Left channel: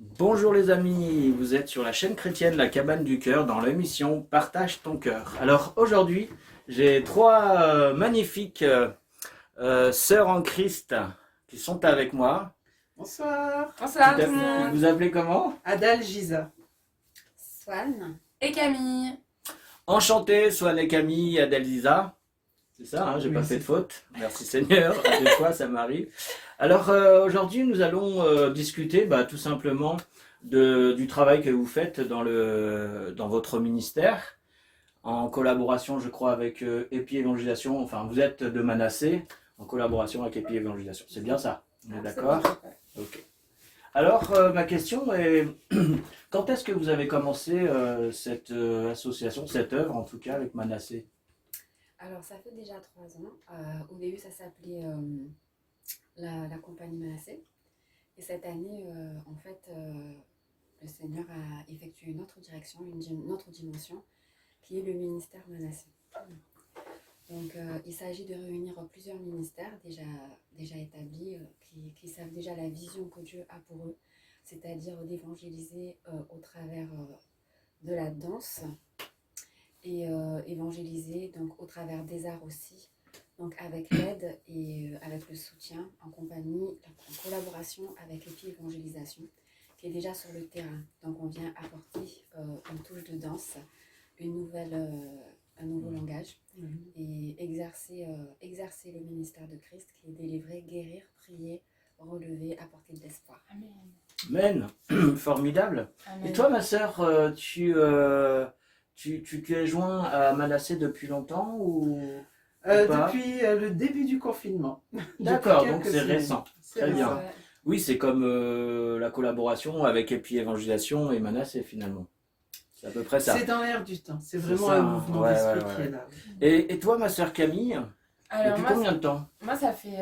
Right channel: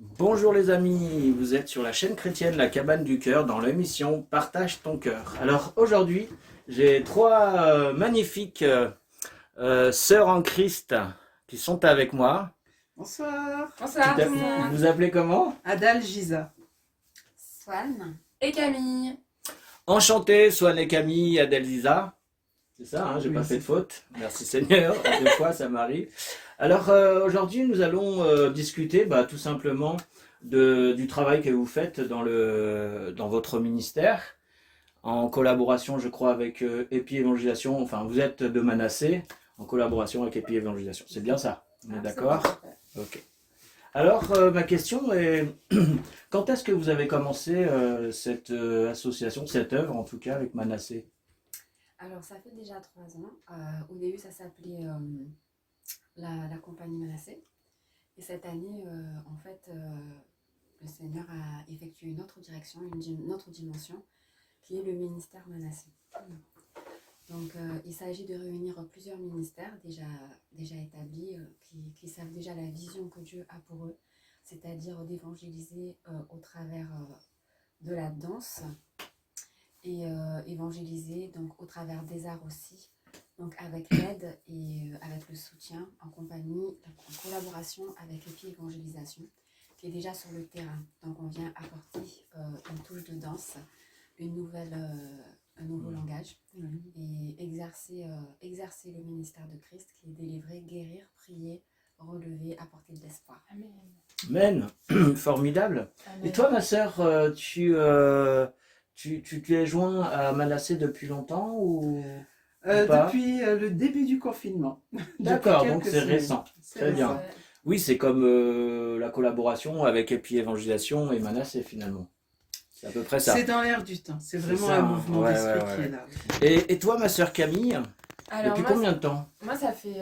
Bonjour les amis, vous êtes sur la chaîne chrétienne La Cabane du Cœur dans l'émission Partage ton cœur. Alors aujourd'hui, j'ai trois magnifiques sœurs en Christ qui sont avec moi. Bonsoir. Bonsoir tout le monde. Vous appelez comment? Adal Giza. Swan et Camille. Enchanté, Swan et Camille, Adelisa. C'est ça, hein, j'ai pas Oui, fait de c'est faute. Merci Seigneur, des fois ça m'arrive. Alors aujourd'hui, nous allons discuter tout simplement du travail que vous faites dans votre ministère, en collaboration, je crois, avec Épi Évangélisation. Enfin, vous êtes de Manassé, en collaboration avec Épi Évangélisation. C'est bien ça? On est d'accord? Ok. Alors, ma question est, quand est-ce que vous avez commencé cette association, cette œuvre en tout cas, avec Manassé? Alors, ça fait déjà 3 ans. Au début, ça s'appelait la compagnie Manassé. Et cette année, le Seigneur a effectué une autre direction, une autre dimension, qui est le ministère Manassé. Donc, il s'agit de réunir plusieurs ministères déjà établis, qui savent déjà la vision que Dieu a pour eux, c'est-à-dire d'évangéliser au travers de la danse et évangéliser donc au travers des arts aussi, donc avec l'aide et avec le soutien en collaboration avec l'EPI Évangélisation qui est déjà sur le terrain. Donc on vient apporter une touche de danse, un nouveau langage et exercer le ministère de Christ qui est délivrer, guérir, prier, relever, apporter de l'espoir. Amen. Amen. Formidable. Amen. Et toi, ma sœur, tu es joint à Manassé depuis longtemps ou pas? Depuis le début du confinement. D'accord, Depuis donc quelques c'est semaines. récent. C'est Très bien. récent. Oui, c'est comme la collaboration avec Épi Évangélisation et Manassé finalement. C'est à peu près ça. C'est dans l'air du temps. C'est C'est vraiment ça, un mouvement ouais, d'esprit ouais, qui ouais. est là. Et toi, ma sœur Camille, Alors depuis moi, combien de temps? moi ça fait,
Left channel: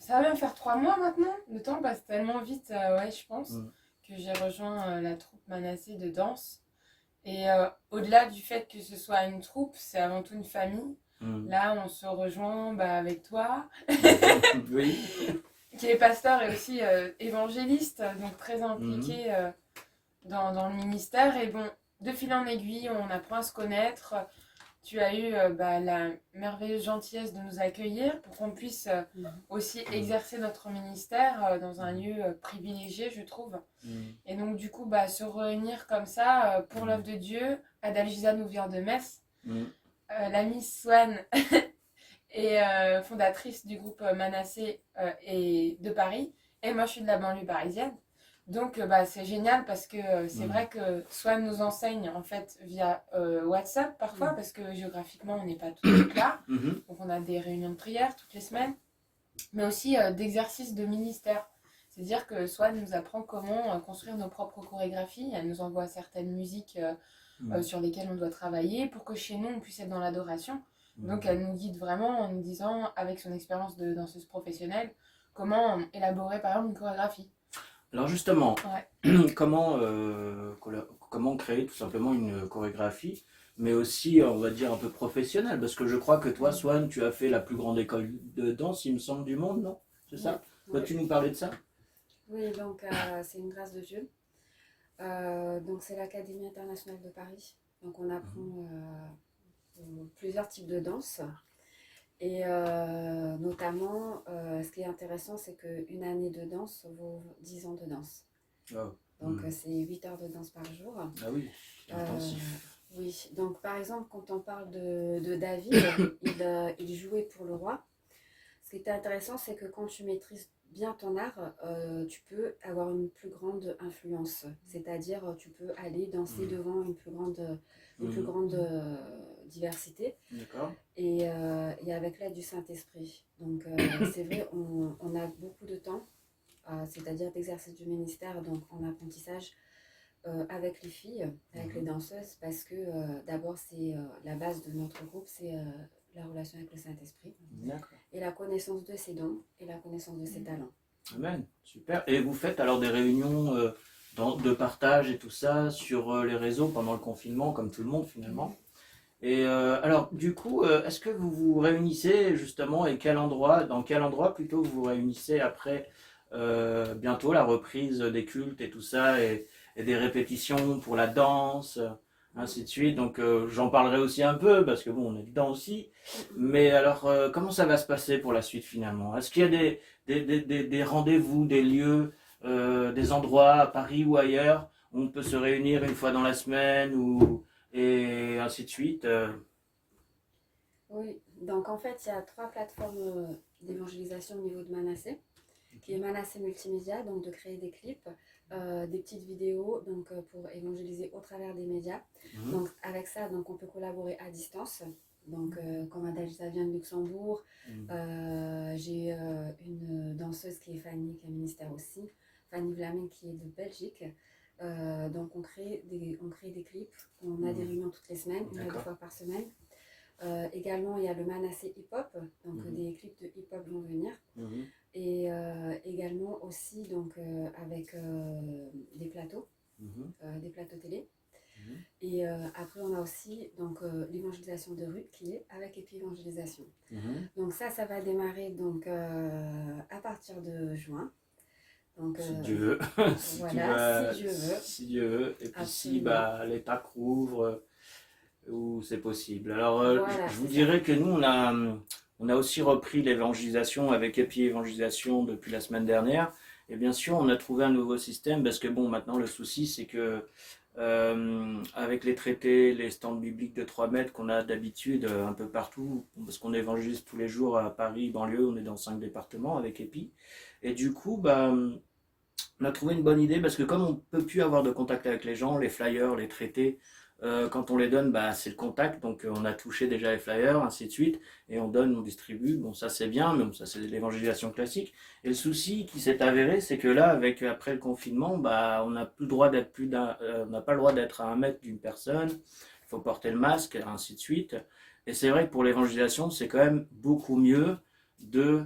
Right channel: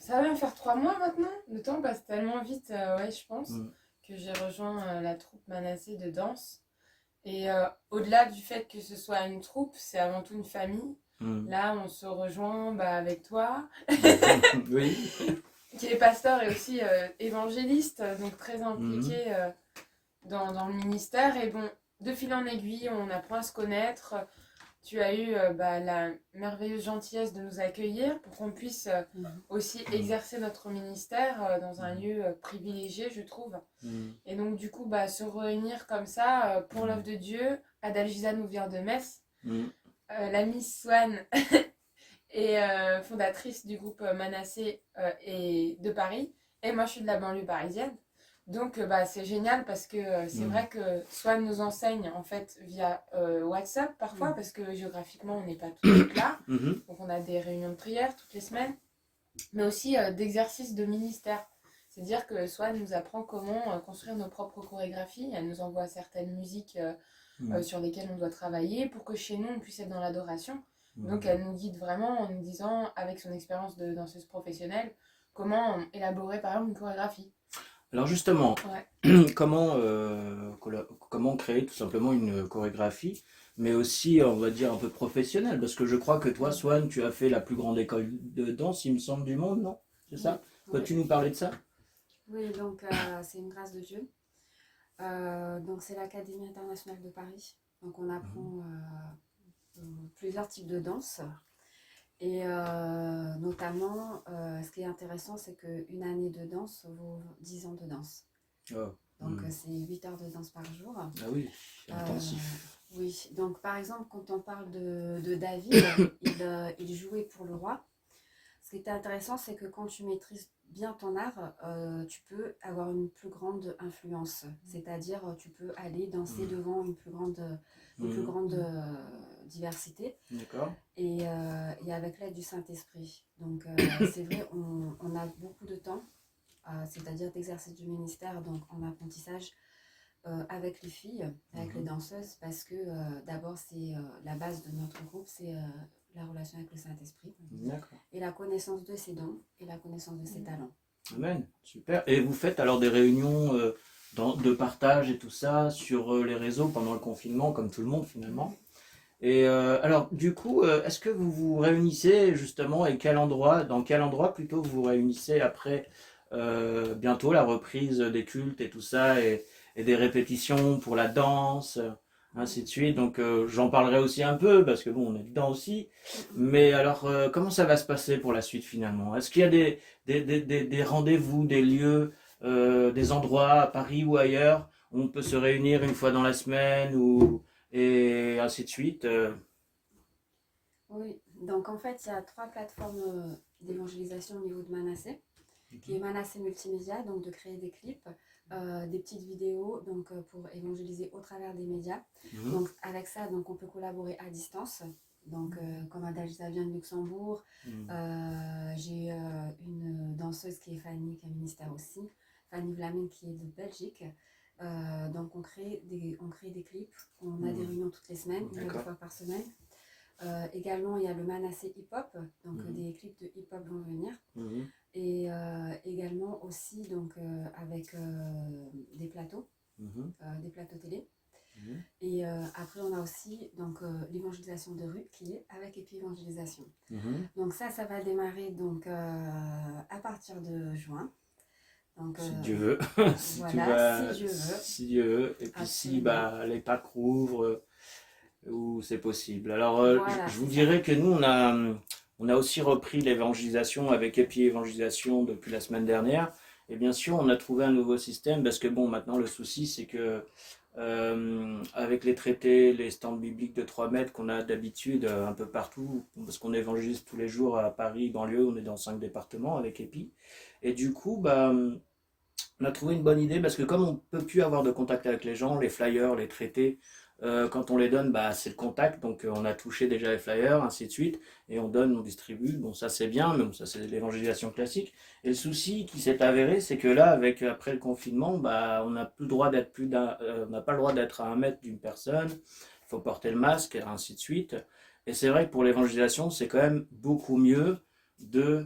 ça va même faire 3 mois maintenant. Le temps passe tellement vite, ouais, je pense, Mm. que j'ai rejoint la troupe Manassé de danse. Et au-delà du fait que ce soit une troupe, c'est avant tout une famille. Mm. Là, on se rejoint avec toi, Oui. qui est pasteur et aussi évangéliste, donc très impliqué dans le ministère. Et bon, de fil en aiguille, on apprend à se connaître. Tu as eu la merveilleuse gentillesse de nous accueillir pour qu'on puisse aussi exercer notre ministère dans un lieu privilégié, je trouve. Mm. Et donc, du coup, se réunir comme ça pour l'œuvre de Dieu. Adalgisa nous vient de Metz. Mm. La Miss Swan est fondatrice du groupe Manassé et de Paris. Et moi, je suis de la banlieue parisienne. Donc, c'est génial parce que c'est vrai que Swan nous enseigne en fait via WhatsApp parfois parce que géographiquement, on n'est pas tous là. Mhm. Donc, on a des réunions de prière toutes les semaines, mais aussi d'exercices de ministère. C'est-à-dire que Swan nous apprend comment construire nos propres chorégraphies. Elle nous envoie certaines musiques sur lesquelles on doit travailler pour que chez nous, on puisse être dans l'adoration. Donc, elle nous guide vraiment en nous disant, avec son expérience de danseuse professionnelle, comment élaborer par exemple une chorégraphie. Alors justement, Ouais. comment créer tout simplement une chorégraphie, mais aussi, on va dire, un peu professionnelle, parce que je crois que toi, Swan, tu as fait la plus grande école de danse, il me semble, du monde, non? C'est ça? Peux-tu nous parler de ça? Oui, donc c'est une grâce de Dieu. Donc c'est l'Académie internationale de Paris. Donc on apprend plusieurs types de danse. Et notamment, ce qui est intéressant, c'est qu'une année de danse vaut 10 ans de danse. Oh. Donc c'est 8 heures de danse par jour. Ah oui, c'est intensif. Oui, donc par exemple, quand on parle de David, il jouait pour le roi. Ce qui est intéressant, c'est que quand tu maîtrises bien ton art, tu peux avoir une plus grande influence. C'est-à-dire, tu peux aller danser devant une plus grande diversité. D'accord. Et avec l'aide du Saint-Esprit. Donc, c'est vrai, on a beaucoup de temps, c'est-à-dire d'exercice du ministère, donc en apprentissage avec les filles, avec les danseuses, parce que d'abord, c'est la base de notre groupe, c'est la relation avec le Saint-Esprit D'accord. et la connaissance de ses dons et la connaissance de ses talents. Amen, super. Et vous faites alors des réunions de partage et tout ça sur les réseaux pendant le confinement, comme tout le monde finalement. Et alors, du coup, est-ce que vous vous réunissez justement et dans quel endroit plutôt vous vous réunissez après bientôt la reprise des cultes et tout ça, et des répétitions pour la danse, ainsi de suite. Donc j'en parlerai aussi un peu, parce que bon, on est dedans aussi. Mais alors, comment ça va se passer pour la suite finalement? Est-ce qu'il y a des rendez-vous, des lieux, des endroits à Paris ou ailleurs où on peut se réunir une fois dans la semaine et ainsi de suite? Oui, donc en fait, il y a 3 plateformes d'évangélisation au niveau de Manassé, qui est Manassé Multimédia, donc de créer des clips, des petites vidéos donc, pour évangéliser au travers des médias. Mhm. Donc avec ça, donc, on peut collaborer à distance. Donc comme Adalgisa vient de Luxembourg, j'ai une danseuse qui est Fanny, qui est ministère aussi, Fanny Vlaming qui est de Belgique. Donc on crée des clips, on a des réunions toutes les semaines, une à 2 fois par semaine. Également, il y a le Manassé hip-hop, donc des clips de hip-hop vont venir. Et également aussi donc, avec des plateaux télé. Et après, on a aussi donc, l'évangélisation de rue qui est avec Épi-évangélisation. Donc ça va démarrer donc, à partir de juin. Donc, Si Dieu veut. Voilà, si Dieu veut. Si Dieu veut. Et puis si Absolument. les Pâques rouvrent, où c'est possible. Alors, Voilà, je vous c'est dirais que nous, on a aussi repris l'évangélisation avec Épi Évangélisation depuis la semaine dernière. Et bien sûr, on a trouvé un nouveau système parce que bon, maintenant, le souci, c'est que avec les traités, les stands bibliques de 3 mètres qu'on a d'habitude un peu partout, parce qu'on évangélise tous les jours à Paris, banlieue, on est dans 5 départements avec Épi. Et du coup, bah, on a trouvé une bonne idée parce que comme on ne peut plus avoir de contact avec les gens, les flyers, les traités, quand on les donne, bah, c'est le contact. Donc on a touché déjà les flyers, ainsi de suite, et on donne, on distribue. Bon, ça c'est bien, mais bon, ça c'est l'évangélisation classique. Et le souci qui s'est avéré, c'est que là, après le confinement, bah, on n'a plus le droit d'être on n'a pas le droit d'être à 1 mètre d'une personne. Il faut porter le masque, ainsi de suite. Et c'est vrai que pour l'évangélisation, c'est quand même beaucoup mieux de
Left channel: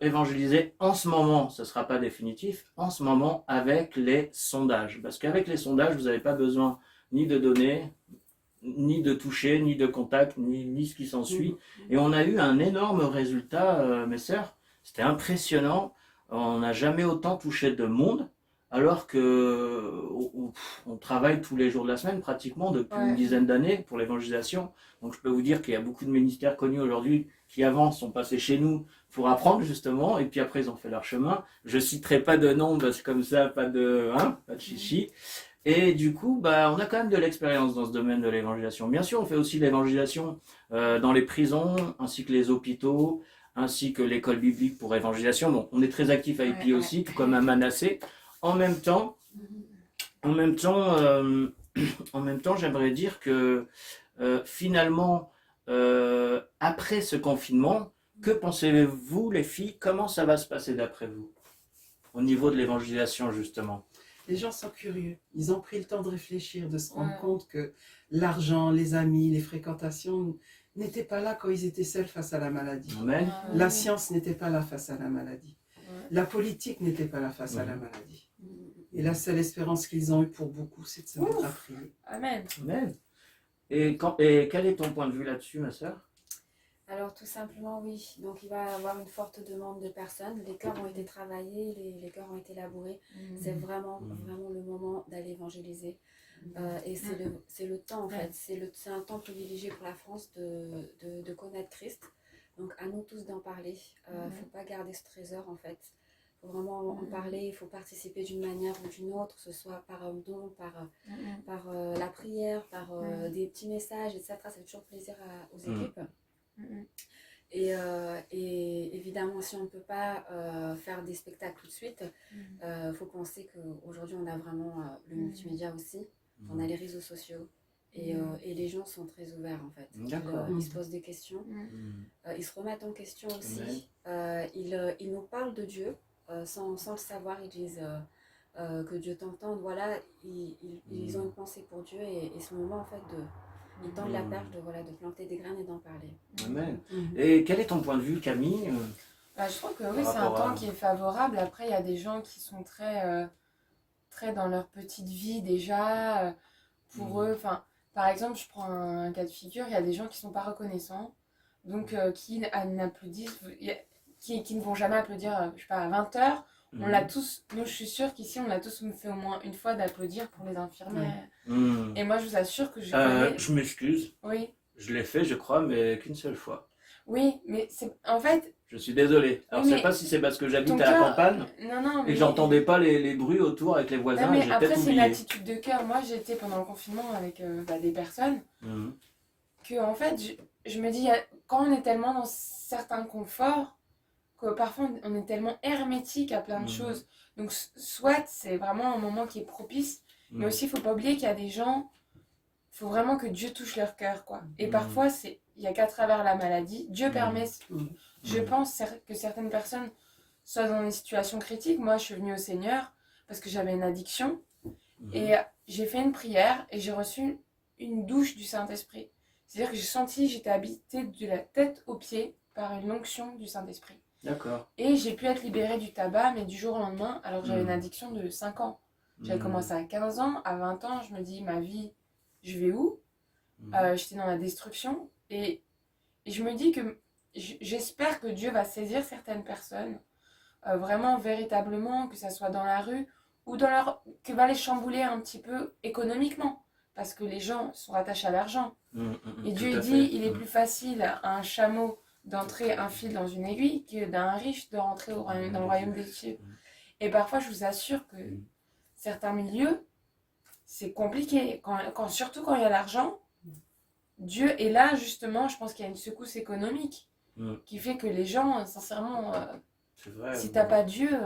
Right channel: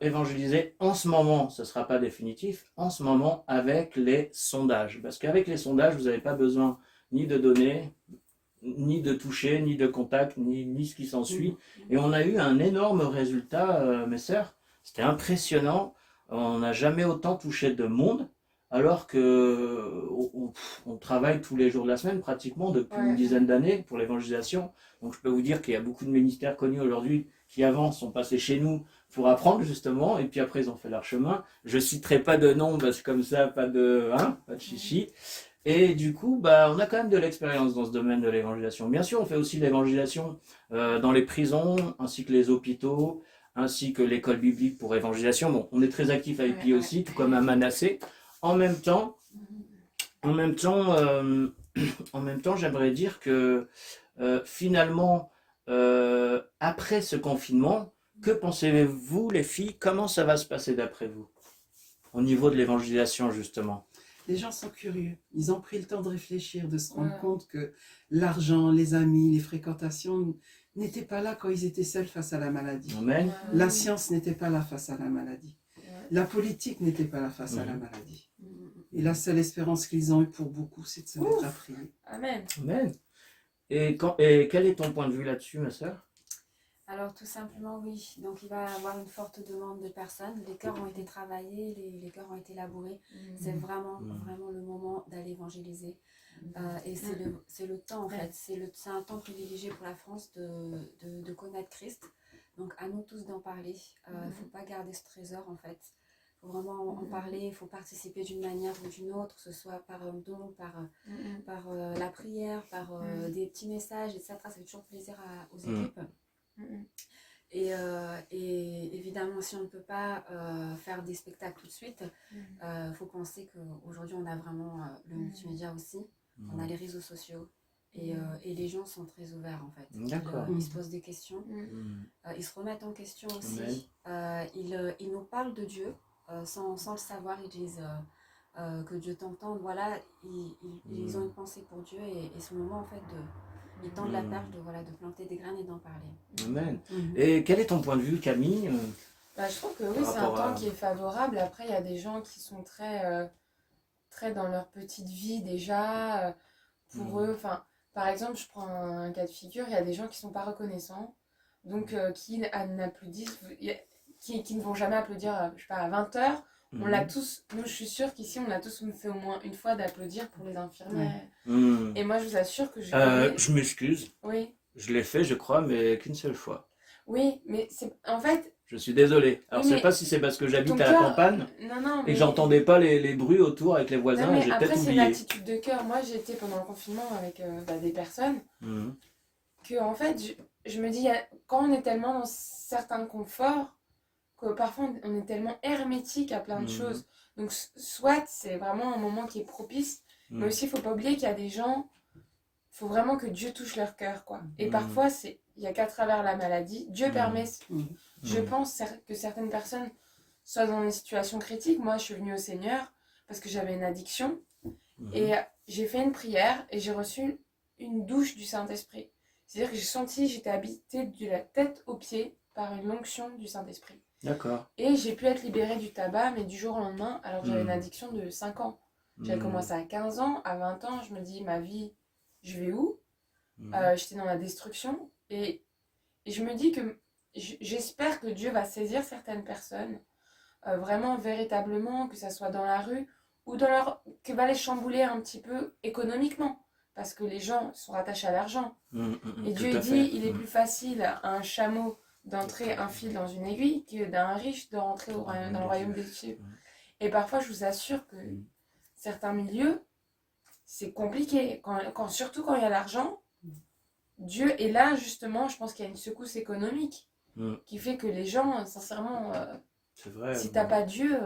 évangéliser en ce moment, ce ne sera pas définitif, en ce moment avec les sondages. Parce qu'avec les sondages, vous n'avez pas besoin ni de données, ni de toucher, ni de contact, ni ce qui s'ensuit. Et on a eu un énorme résultat, mes sœurs. C'était impressionnant. On n'a jamais autant touché de monde, alors que on travaille tous les jours de la semaine, pratiquement depuis une dizaine d'années pour l'évangélisation. Donc je peux vous dire qu'il y a beaucoup de ministères connus aujourd'hui qui avant sont passés chez nous pour apprendre justement, et puis après ils ont fait leur chemin. Je citerai pas de nom parce que comme ça, pas de chichi. Et du coup, bah, on a quand même de l'expérience dans ce domaine de l'évangélisation. Bien sûr, on fait aussi l'évangélisation dans les prisons, ainsi que les hôpitaux, ainsi que l'école biblique pour évangélisation. Bon, on est très actif à EPI aussi, tout comme à Manassé. En même temps, en même temps, j'aimerais dire que finalement, après ce confinement, que pensez-vous, les filles? Comment ça va se passer d'après vous? Au niveau de l'évangélisation, justement. Les gens sont curieux. Ils ont pris le temps de réfléchir, de se rendre compte que l'argent, les amis, les fréquentations n'étaient pas là quand ils étaient seuls face à la maladie. Amen. La science n'était pas là face à la maladie. La politique n'était pas là face à la maladie. Et la seule espérance qu'ils ont eue pour beaucoup, c'est de se mettre à prier. Amen. Amen. Et quel est ton point de vue là-dessus, ma sœur? Alors tout simplement oui, donc il va y avoir une forte demande de personnes, les cœurs ont été travaillés, les cœurs ont été labourés, c'est vraiment le moment d'aller évangéliser et c'est le temps en fait, c'est un temps privilégié pour la France de connaître Christ, donc à nous tous d'en parler, il ne faut pas garder ce trésor en fait, il faut vraiment en parler, il faut participer d'une manière ou d'une autre, que ce soit par un don, par la prière, par des petits messages, etc. Ça fait toujours plaisir aux équipes. Et évidemment, si on ne peut pas faire des spectacles tout de suite, faut penser qu'aujourd'hui on a vraiment le multimédia aussi, on a les réseaux sociaux et les gens sont très ouverts en fait. Ils se posent des questions, ils se remettent en question aussi, ils nous parlent de Dieu sans le savoir, ils disent que Dieu t'entende, voilà, ils ont une pensée pour Dieu et ce moment en fait ils tendent la perche de planter des graines et d'en parler. Amen. Et quel est ton point de vue, Camille? Je trouve que oui, c'est un temps qui est favorable. Après, il y a des gens qui sont très dans leur petite vie déjà. Pour eux, par exemple, je prends un cas de figure, il y a des gens qui ne sont pas reconnaissants, donc qui ne vont jamais applaudir, je sais pas, à 20h. On l'a tous, nous je suis sûre qu'ici on l'a tous fait au moins une fois d'applaudir pour les infirmières. Et moi je vous assure que je connais... Je m'excuse, Oui, je l'ai fait, je crois, mais qu'une seule fois. oui, mais c'est en fait, Je suis désolé. Alors, Oui, je sais mais pas si c'est parce que j'habite ton à la cœur... campagne Non, et mais... que j'entendais pas les bruits autour avec les voisins Non, et mais j'ai après peut-être c'est une oublié. attitude de cœur. Moi j'ai été pendant le confinement avec des personnes Mhm. que en fait je me dis, quand on est tellement dans certains conforts, que parfois on est tellement hermétique à plein de choses. Donc soit c'est vraiment un moment qui est propice, mais aussi il faut pas oublier qu'il y a des gens, il faut vraiment que Dieu touche leur cœur, quoi. Et parfois il y a qu'à travers la maladie, Dieu permet, je pense que certaines personnes soient dans une situation critique. Moi je suis venue au Seigneur parce que j'avais une addiction et j'ai fait une prière et j'ai reçu une douche du Saint-Esprit. C'est-à-dire que j'ai senti, j'étais habitée de la tête aux pieds par une onction du Saint-Esprit. D'accord. Et j'ai pu être libérée du tabac, mais du jour au lendemain, alors que j'avais une addiction de 5 ans. J'avais commencé à 15 ans, à 20 ans, je me dis, ma vie, je vais où? J'étais dans la destruction. Et je me dis que j'espère que Dieu va saisir certaines personnes, vraiment, véritablement, que ça soit dans la rue, ou dans leur... que va les chambouler un petit peu économiquement. Parce que les gens sont attachés à l'argent. Et Dieu dit, il est plus facile à un chameau d'entrer un fil dans une aiguille que d'un riche de rentrer dans le royaume des cieux. Et parfois, je vous assure que certains milieux, c'est compliqué. Surtout quand il y a l'argent, Dieu est là, justement, je pense qu'il y a une secousse économique qui fait que les gens, sincèrement, C'est vrai. si t'as pas Dieu...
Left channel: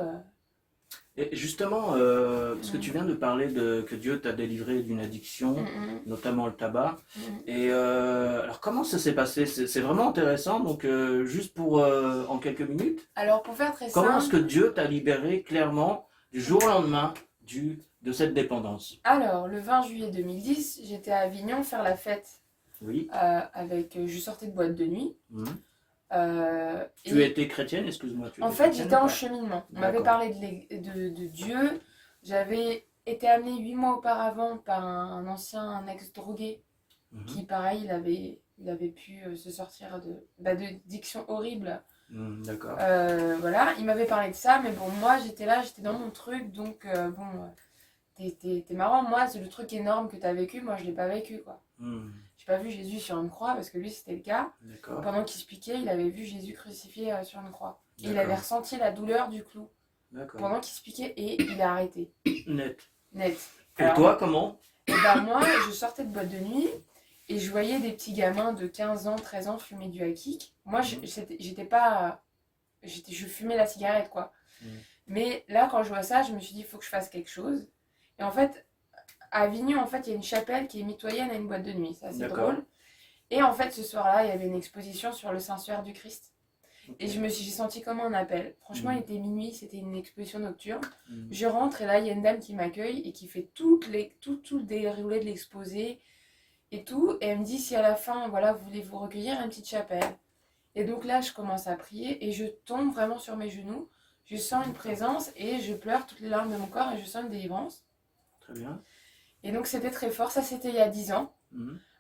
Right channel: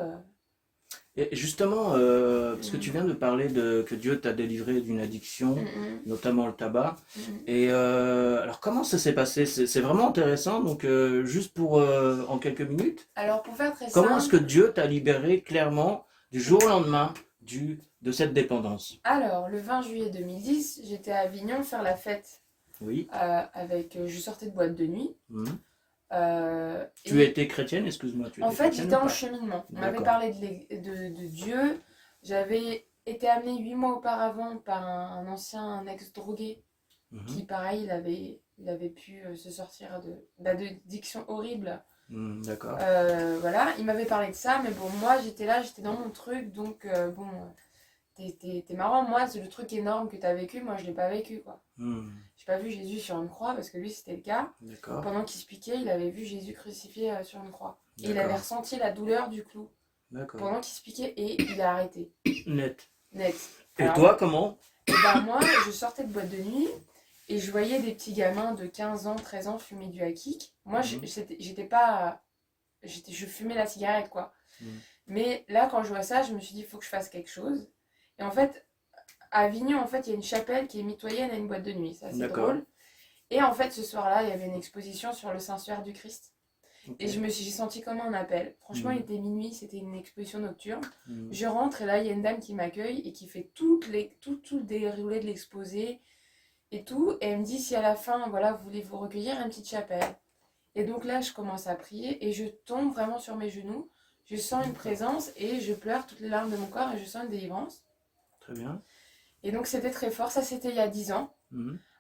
Et justement, parce que tu viens de parler que Dieu t'a délivré d'une addiction, notamment le tabac. Et alors, comment ça s'est passé? C'est vraiment intéressant. Donc, juste pour en quelques minutes, Alors, pour faire très comment est-ce que simple... Dieu t'a libéré clairement du jour au lendemain de cette dépendance? Alors, le 20 juillet 2010, j'étais à Avignon faire la fête Oui. je sortais de boîte de nuit. Tu étais chrétienne, excuse-moi. En fait, j'étais en cheminement. On m'avait parlé de Dieu. J'avais été amenée 8 mois auparavant par un ancien ex-drogué qui, pareil, il avait pu se sortir d'addiction horrible. D'accord. Voilà, il m'avait parlé de ça, mais bon, moi, j'étais là, j'étais dans mon truc, donc bon, t'es marrant. Moi, c'est le truc énorme que t'as vécu, moi, je l'ai pas vécu, quoi. J'ai pas vu Jésus sur une croix, parce que lui, c'était le cas. Pendant qu'il se piquait, il avait vu Jésus crucifié sur une croix. Et il avait ressenti la douleur du clou. Pendant qu'il se piquait, et il a arrêté. Net. Et Alors, toi, comment? Et ben moi, je sortais de boîte de nuit, et je voyais des petits gamins de 15 ans, 13 ans fumer du hakik. Moi, j'étais pas... je fumais la cigarette, quoi. Mais là, quand je vois ça, je me suis dit, il faut que je fasse quelque chose. Et en fait, à Avignon, en fait, il y a une chapelle qui est mitoyenne à une boîte de nuit. C'est assez drôle. Et en fait, ce soir-là, il y avait une exposition sur le Saint-Suaire du Christ. Et j'ai senti comme un appel. Franchement, il était minuit, c'était une exposition nocturne. Je rentre et là, il y a une dame qui m'accueille et qui fait tout le déroulé de l'exposé et tout. Et elle me dit, si à la fin, voilà, voulez-vous recueillir une petite chapelle? Et donc là, je commence à prier et je tombe vraiment sur mes genoux. Je sens une présence et je pleure toutes les larmes de mon corps et je sens une délivrance. Très bien. Et donc c'était très fort, ça c'était il y a 10 ans.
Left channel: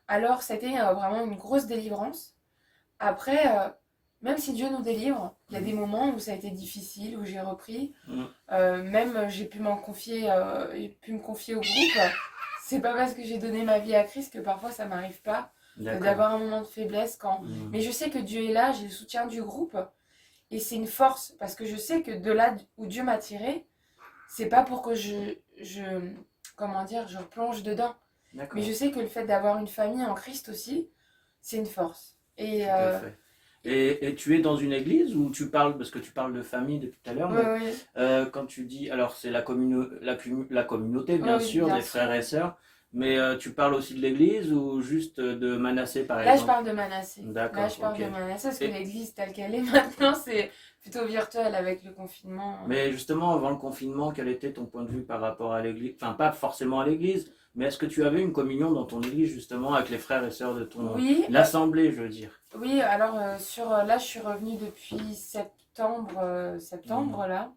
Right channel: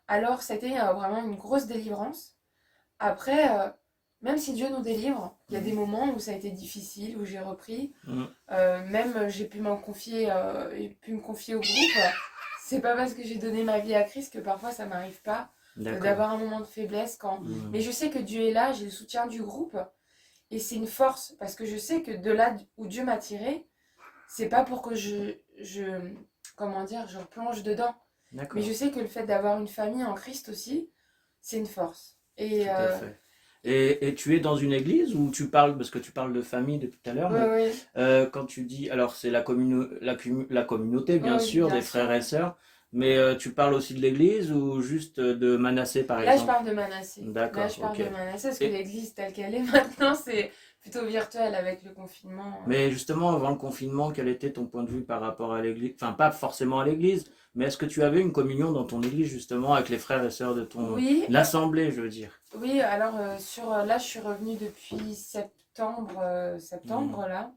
Alors c'était vraiment une grosse délivrance. Après, même si Dieu nous délivre, il y a des moments où ça a été difficile, où j'ai repris. Même j'ai pu me confier au groupe. C'est pas parce que j'ai donné ma vie à Christ que parfois ça m'arrive pas d'avoir un moment de faiblesse. Mais je sais que Dieu est là, j'ai le soutien du groupe. Et c'est une force, parce que je sais que de là où Dieu m'a tiré, c'est pas pour que je replonge dedans. Mais je sais que le fait d'avoir une famille en Christ aussi, c'est une force. Et, tout à fait. Et tu es dans une église où tu parles, parce que tu parles de famille depuis tout à l'heure, quand tu dis, alors c'est la communauté bien sûr, des frères et sœurs, mais tu parles aussi de l'église ou juste de Manassé par exemple? Là je parle de Manassé. D'accord, là je parle de Manassé parce que l'église telle qu'elle est maintenant, c'est plutôt virtuel avec le confinement. Mais justement, avant le confinement, quel était ton point de vue par rapport à l'église? Enfin, pas forcément à l'église, mais est-ce que tu avais une communion dans ton église justement avec les frères et sœurs de ton... l'assemblée, je veux dire? Oui, alors là je suis revenue depuis septembre là.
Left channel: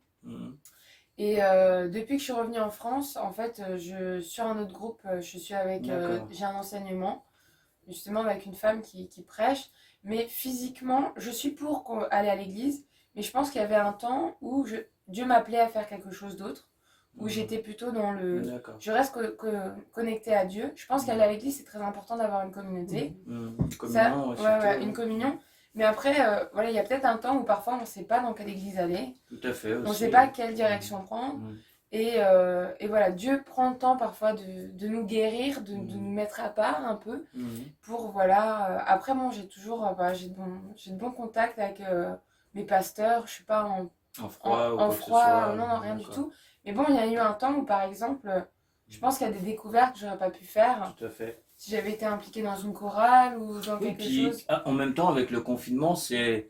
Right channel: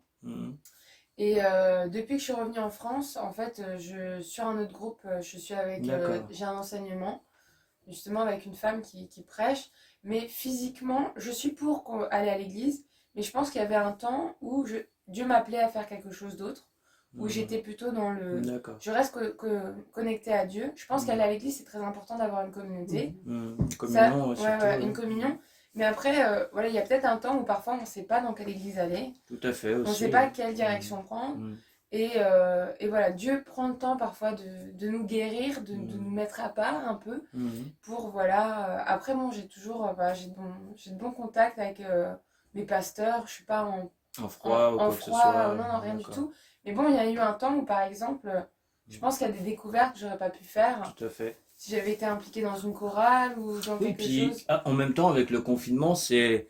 Et depuis que je suis revenue en France, en fait, sur un autre groupe, je suis avec... j'ai un enseignement, justement avec une femme qui prêche. Mais physiquement, je suis pour aller à l'église. Mais je pense qu'il y avait un temps où Dieu m'appelait à faire quelque chose d'autre, où j'étais plutôt dans le... D'accord. Je reste connectée à Dieu. Je pense qu'aller à l'église, c'est très important d'avoir une communauté. Une Ça, communion, une communion. Mais après, voilà, il y a peut-être un temps où parfois on ne sait pas dans quelle église aller. Tout à fait aussi. On ne sait pas quelle direction prendre. Et voilà, Dieu prend le temps parfois de nous guérir, de nous mettre à part un peu. Pour, voilà... après, bon, j'ai toujours... j'ai de bons contacts avec mes pasteurs. Je ne suis pas en froid ou quoi que ce froid, soit. non, rien du tout. Mais bon, il y a eu un temps où, par exemple, je pense qu'il y a des découvertes que j'aurais pas pu faire. Tout à fait. Si j'avais été impliquée dans une chorale ou dans quelque chose. En même temps, avec le confinement, c'est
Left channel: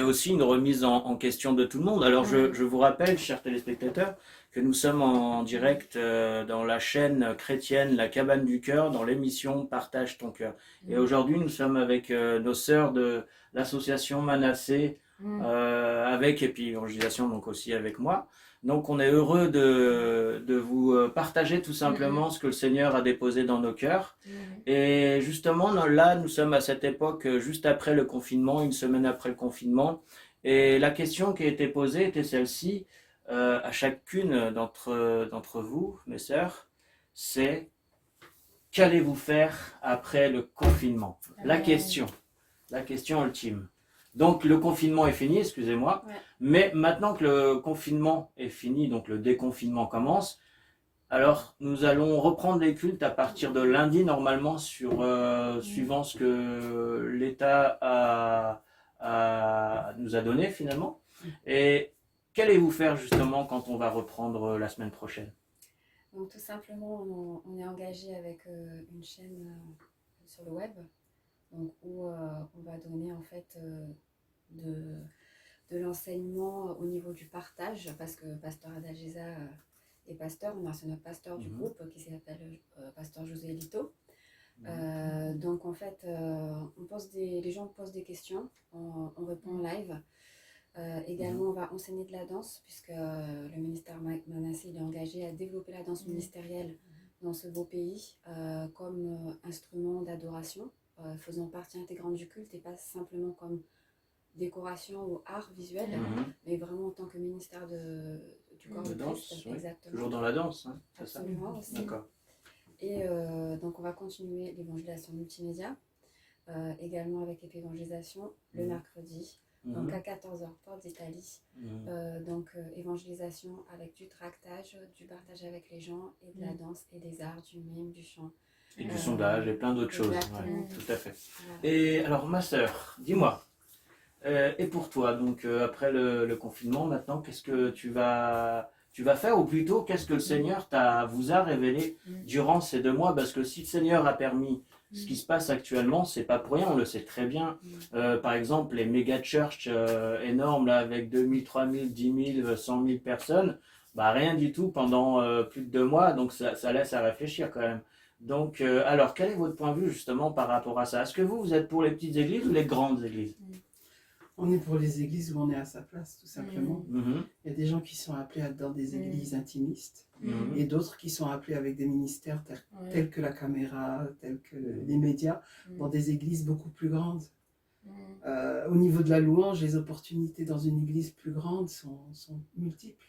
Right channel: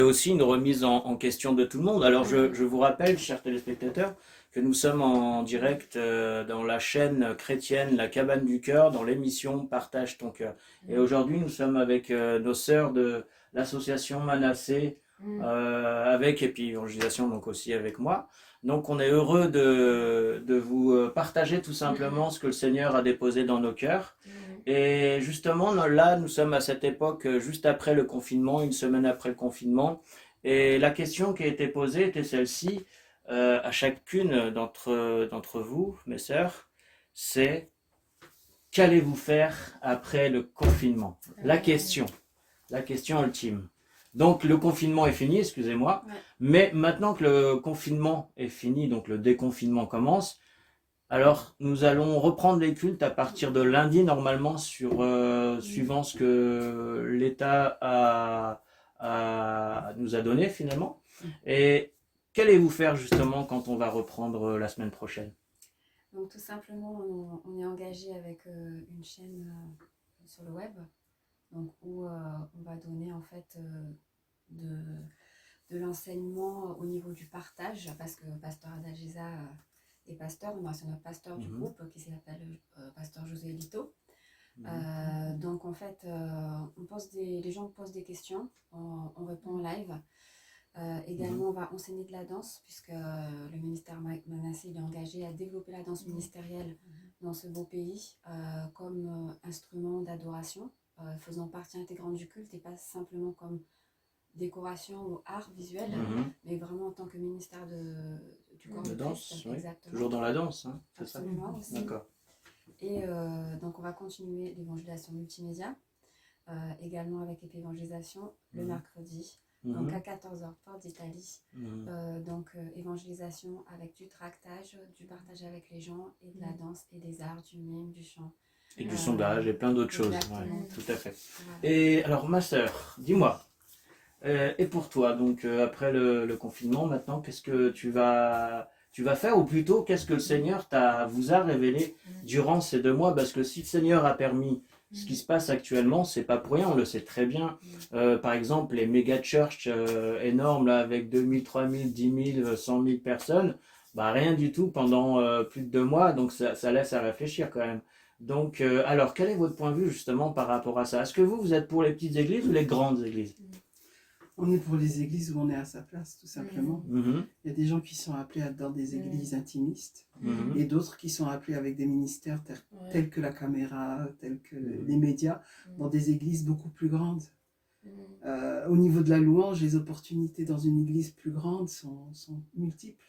aussi une remise en question de tout le monde. Alors, je vous rappelle, chers téléspectateurs, que nous sommes en direct dans la chaîne chrétienne La Cabane du Cœur, dans l'émission Partage ton cœur. Et aujourd'hui, nous sommes avec nos sœurs de l'association Manassé, avec, et puis Évangélisation, donc aussi avec moi. Donc on est heureux de vous partager tout simplement ce que le Seigneur a déposé dans nos cœurs. Et justement, là, nous sommes à cette époque, juste après le confinement, une semaine après le confinement. Et la question qui a été posée était celle-ci, à chacune d'entre vous, mes sœurs, c'est: qu'allez-vous faire après le confinement? La question ultime. Donc le confinement est fini, excusez-moi, mais maintenant que le confinement est fini, donc le déconfinement commence, alors nous allons reprendre les cultes à partir de lundi normalement, suivant ce que l'État nous a donné finalement. Et qu'allez-vous faire justement quand on va reprendre la semaine prochaine? Donc tout simplement, on est engagé avec une chaîne sur le web, donc où on va donner en fait de l'enseignement au niveau du partage, parce que Pasteur Adalgisa est pasteur, on a aussi notre pasteur du groupe qui s'appelle Pasteur José Lito. Donc en fait, les gens posent des questions, on répond en live. Également, on va enseigner de la danse, puisque le ministère Manassé est engagé à développer la danse ministérielle dans ce beau pays comme instrument d'adoration, faisant partie intégrante du culte et pas simplement comme décoration ou art visuel, mais vraiment en tant que ministère du corps de danse, Christ. oui. Exactement. Toujours dans la danse, hein, c'est absolument, ça? aussi. D'accord. Et donc on va continuer l'évangélisation multimédia, également avec l'évangélisation le mercredi. Donc à 14h, porte d'Italie. Donc évangélisation avec du tractage, du partage avec les gens et de la danse et des arts, du mime, du chant. Et du sondage et plein d'autres choses. Ouais, tout à fait. Voilà. Et alors ma sœur, dis-moi, et pour toi, donc après le confinement, maintenant, qu'est-ce que tu vas faire, ou plutôt qu'est-ce que le Seigneur vous a révélé durant ces 2 mois? Parce que si le Seigneur a permis ce qui se passe actuellement, c'est pas pour rien, on le sait très bien. Par exemple, les méga church énormes là, avec 2000, 3000, 10 000, 100 000 personnes, bah rien du tout pendant plus de 2 mois, donc ça laisse à réfléchir quand même. Donc, alors, quel est votre point de vue justement par rapport à ça? Est-ce que vous êtes pour les petites églises ou les grandes églises? On est pour les églises où on est à sa place, tout simplement. Il y a des gens qui sont appelés dans des églises intimistes et d'autres qui sont appelés avec des ministères tels que la caméra, tels que les médias, dans des églises beaucoup plus grandes. Au niveau de la louange, les opportunités dans une église plus grande sont multiples.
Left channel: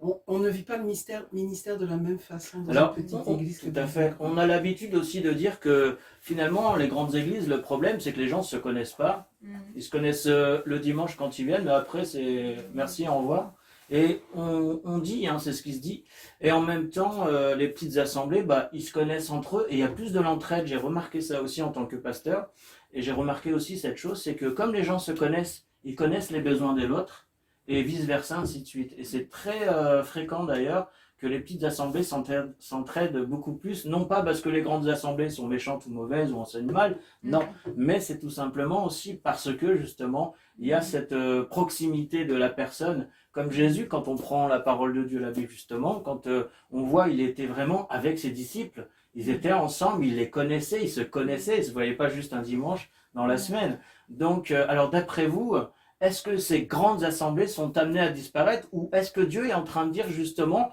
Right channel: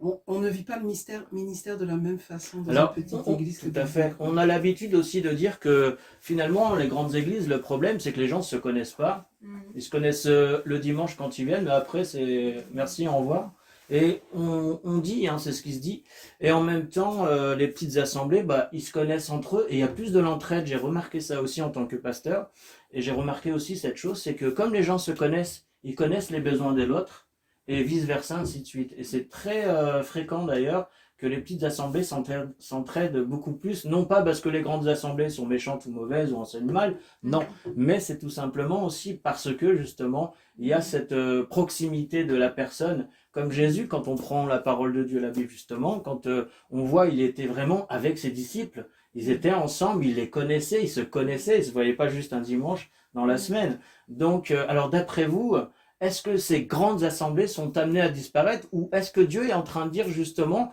On ne vit pas le ministère de la même façon dans une petite église. Tout à fait. On a l'habitude aussi de dire que finalement, les grandes églises, le problème, c'est que les gens ne se connaissent pas. Ils se connaissent le dimanche quand ils viennent, mais après, c'est merci, au revoir. Et on dit, hein, c'est ce qui se dit. Et en même temps, les petites assemblées, ils se connaissent entre eux et il y a plus de l'entraide. J'ai remarqué ça aussi en tant que pasteur. Et j'ai remarqué aussi cette chose, c'est que comme les gens se connaissent, ils connaissent les besoins de l'autre. Et vice-versa, ainsi de suite. Et c'est très fréquent d'ailleurs que les petites assemblées s'entraident beaucoup plus, non pas parce que les grandes assemblées sont méchantes ou mauvaises ou enseignent mal, non, mais c'est tout simplement aussi parce que justement, il y a cette proximité de la personne, comme Jésus, quand on prend la parole de Dieu, la Bible justement, quand on voit, il était vraiment avec ses disciples, ils étaient ensemble, ils les connaissaient, ils se connaissaient, ils ne se voyaient pas juste un dimanche dans la semaine. Donc, alors d'après vous, est-ce que ces grandes assemblées sont amenées à disparaître, ou est-ce que Dieu est en train de dire justement,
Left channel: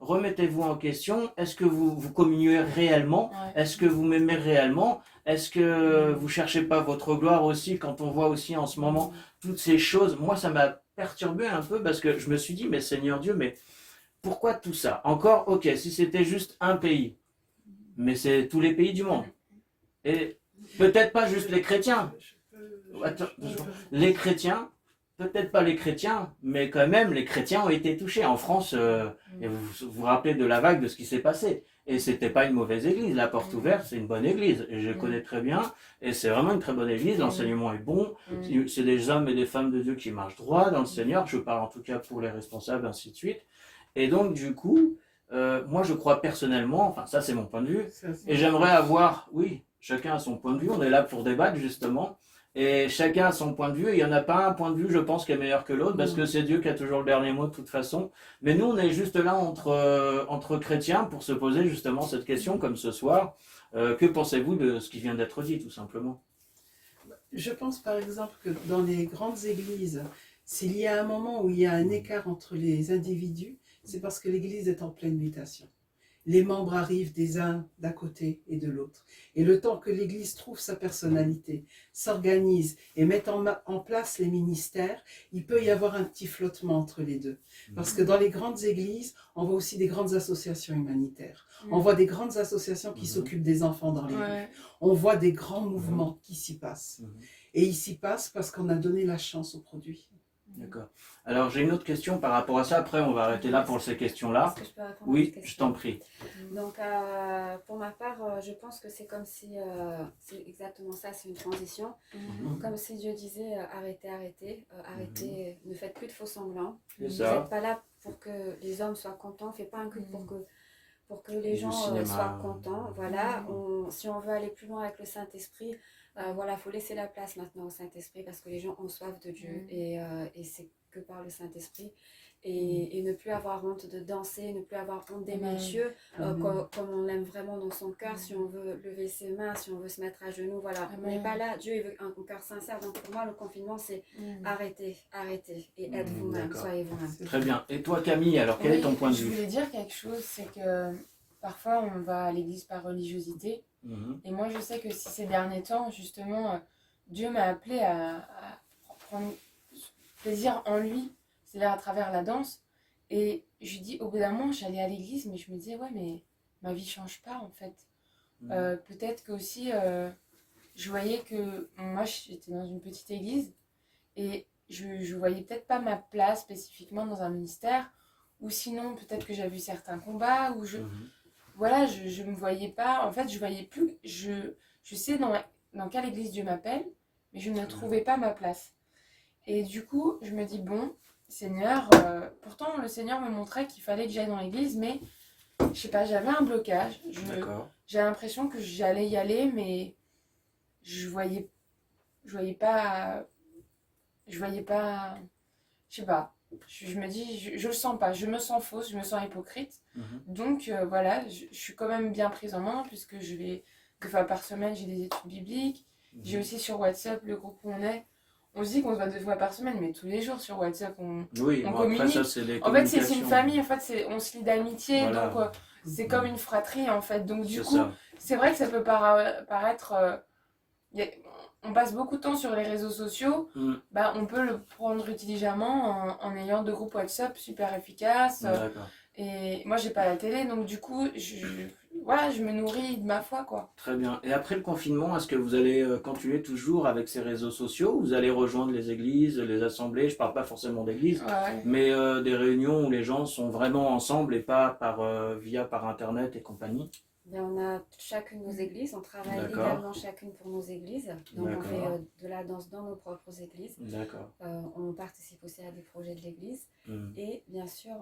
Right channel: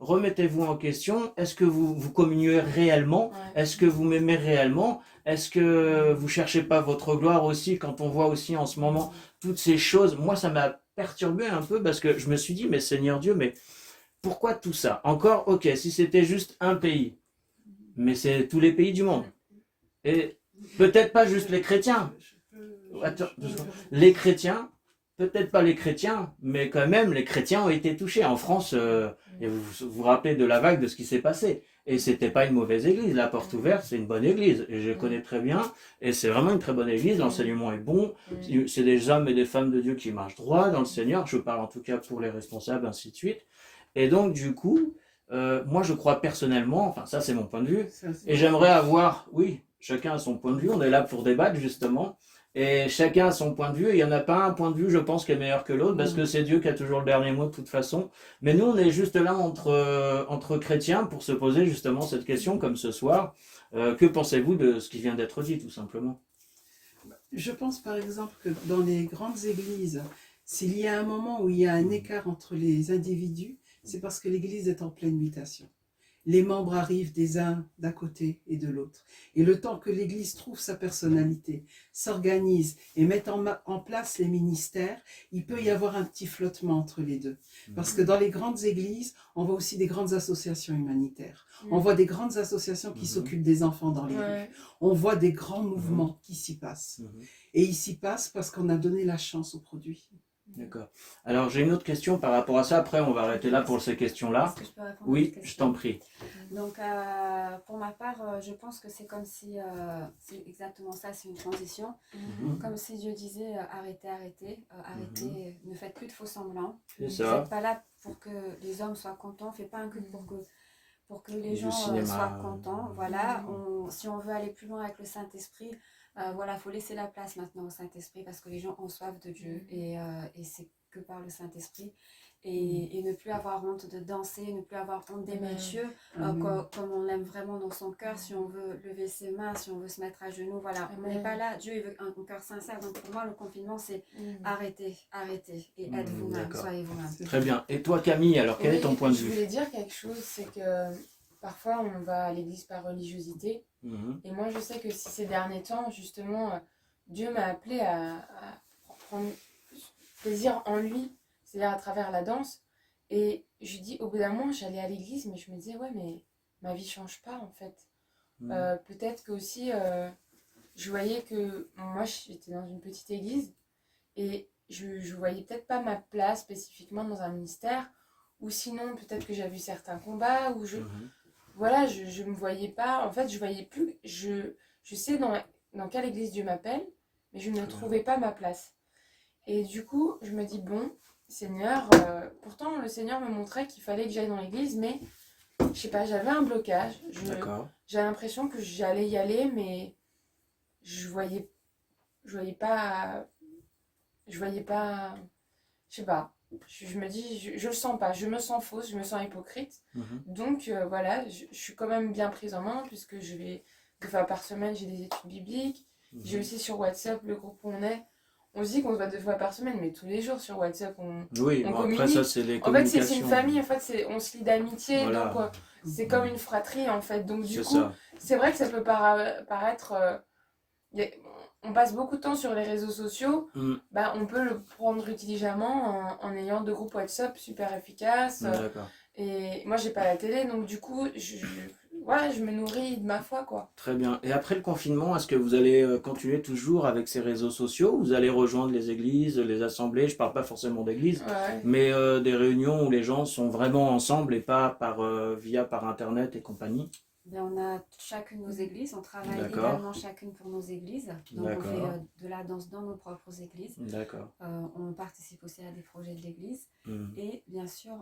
remettez-vous en question, est-ce que vous communiez réellement, est-ce que vous m'aimez réellement, est-ce que vous cherchez pas votre gloire aussi, quand on voit aussi en ce moment toutes ces choses? Moi, ça m'a perturbé un peu parce que je me suis dit, mais Seigneur Dieu, mais pourquoi tout ça? Encore, ok, si c'était juste un pays, mais c'est tous les pays du monde. Et peut-être pas juste les chrétiens. Attends, les chrétiens, peut-être pas les chrétiens, mais quand même, les chrétiens ont été touchés. En France, et vous rappelez de la vague de ce qui s'est passé. Et c'était pas une mauvaise église. La Porte Ouverte, c'est une bonne église. Et je connais très bien. Et c'est vraiment une très bonne église. L'enseignement est bon. C'est des hommes et des femmes de Dieu qui marchent droit dans le Seigneur. Je parle en tout cas pour les responsables, ainsi de suite. Et donc, du coup, moi, je crois personnellement, enfin, ça, c'est mon point de vue. Et j'aimerais avoir, oui, chacun a son point de vue. On est là pour débattre, justement. Et chacun a son point de vue, et il n'y en a pas un point de vue, je pense, qui est meilleur que l'autre, parce que c'est Dieu qui a toujours le dernier mot de toute façon. Mais nous, on est juste là entre chrétiens pour se poser justement cette question, comme ce soir. Que pensez-vous de ce qui vient d'être dit, tout simplement? Je pense par exemple que dans les grandes églises, s'il y a un moment où il y a un écart entre les individus, c'est parce que l'église est en pleine mutation. Les membres arrivent des uns d'un côté et de l'autre. Et le temps que l'Église trouve sa personnalité, s'organise et mette en place les ministères, il peut y avoir un petit flottement entre les deux. Parce que dans les grandes églises, on voit aussi des grandes associations humanitaires. On voit des grandes associations qui s'occupent des enfants dans les rues. On voit des grands mouvements qui s'y passent. Et ils s'y passent parce qu'on a donné la chance aux produits. D'accord. Alors j'ai une autre question par rapport à ça. Après, on va arrêter là pour ces questions-là. Est-ce que je peux répondre Oui, à cette question? je t'en prie. Donc, pour ma part, je pense que c'est comme si, c'est exactement ça, c'est une transition. Comme si Dieu disait, arrêtez, ne faites plus de faux semblants. Vous n'êtes pas là pour que les hommes soient contents, faites pas un culte pour que les gens soient contents. Voilà, si on veut aller plus loin avec le Saint-Esprit, voilà, faut laisser la place maintenant au Saint-Esprit parce que les gens ont soif de Dieu et c'est que par le Saint-Esprit. Et ne plus avoir honte de danser, ne plus avoir honte d'aimer Dieu comme on l'aime vraiment dans son cœur, si on veut lever ses mains, si on veut se mettre à genoux, voilà, on n'est pas là, Dieu il veut un cœur sincère, donc pour moi le confinement c'est arrêtez et êtes vous-même, soyez vous-même. Très bien, et toi Camille, alors quel est ton point de vue? Je voulais dire quelque chose, c'est que parfois on va à l'église par religiosité, et moi je sais que si ces derniers temps, justement, Dieu m'a appelé à prendre plaisir en lui, c'est-à-dire à travers la danse. Et je dis, au bout d'un moment, j'allais à l'église, mais je me disais, ouais, mais ma vie change pas en fait. Peut-être que aussi, je voyais que moi, j'étais dans une petite église et je voyais peut-être pas ma place spécifiquement dans un ministère, ou sinon, peut-être que j'avais vu certains combats, ou voilà, je me voyais pas, en fait, je voyais plus, je sais dans quelle église Dieu m'appelle, mais je ne trouvais pas ma place. Et du coup, je me dis, bon, Seigneur, pourtant le Seigneur me montrait qu'il fallait que j'aille dans l'église, mais je sais pas, j'avais un blocage. J'avais l'impression que j'allais y aller, mais je voyais pas, je sais pas. Je me dis, je le sens pas, je me sens fausse, je me sens hypocrite. Donc voilà, je suis quand même bien prise en main puisque je vais 2 fois par semaine, j'ai des études bibliques. J'ai aussi sur WhatsApp le groupe où on est. On se dit qu'on se voit 2 fois par semaine, mais tous les jours sur WhatsApp, on communique. Après, ça, c'est les communications. En fait, c'est une famille, en fait, on se lie d'amitié, voilà. Donc c'est comme une fratrie, en fait. Donc du coup, c'est vrai que ça peut paraître... on passe beaucoup de temps sur les réseaux sociaux, bah, on peut le prendre intelligemment en ayant 2 groupes WhatsApp super efficaces. Et moi, j'ai pas la télé, donc du coup, je me nourris de ma foi, quoi. Très bien. Et après le confinement, est-ce que vous allez continuer toujours avec ces réseaux sociaux? Vous allez rejoindre les églises, les assemblées? Je parle pas forcément d'église, mais des réunions où les gens sont vraiment ensemble et pas par Internet et compagnie? Bien, on a chacune nos églises, on travaille également chacune pour nos églises. Donc on fait de la danse dans nos propres églises. On participe aussi à des projets de l'église. Et bien sûr,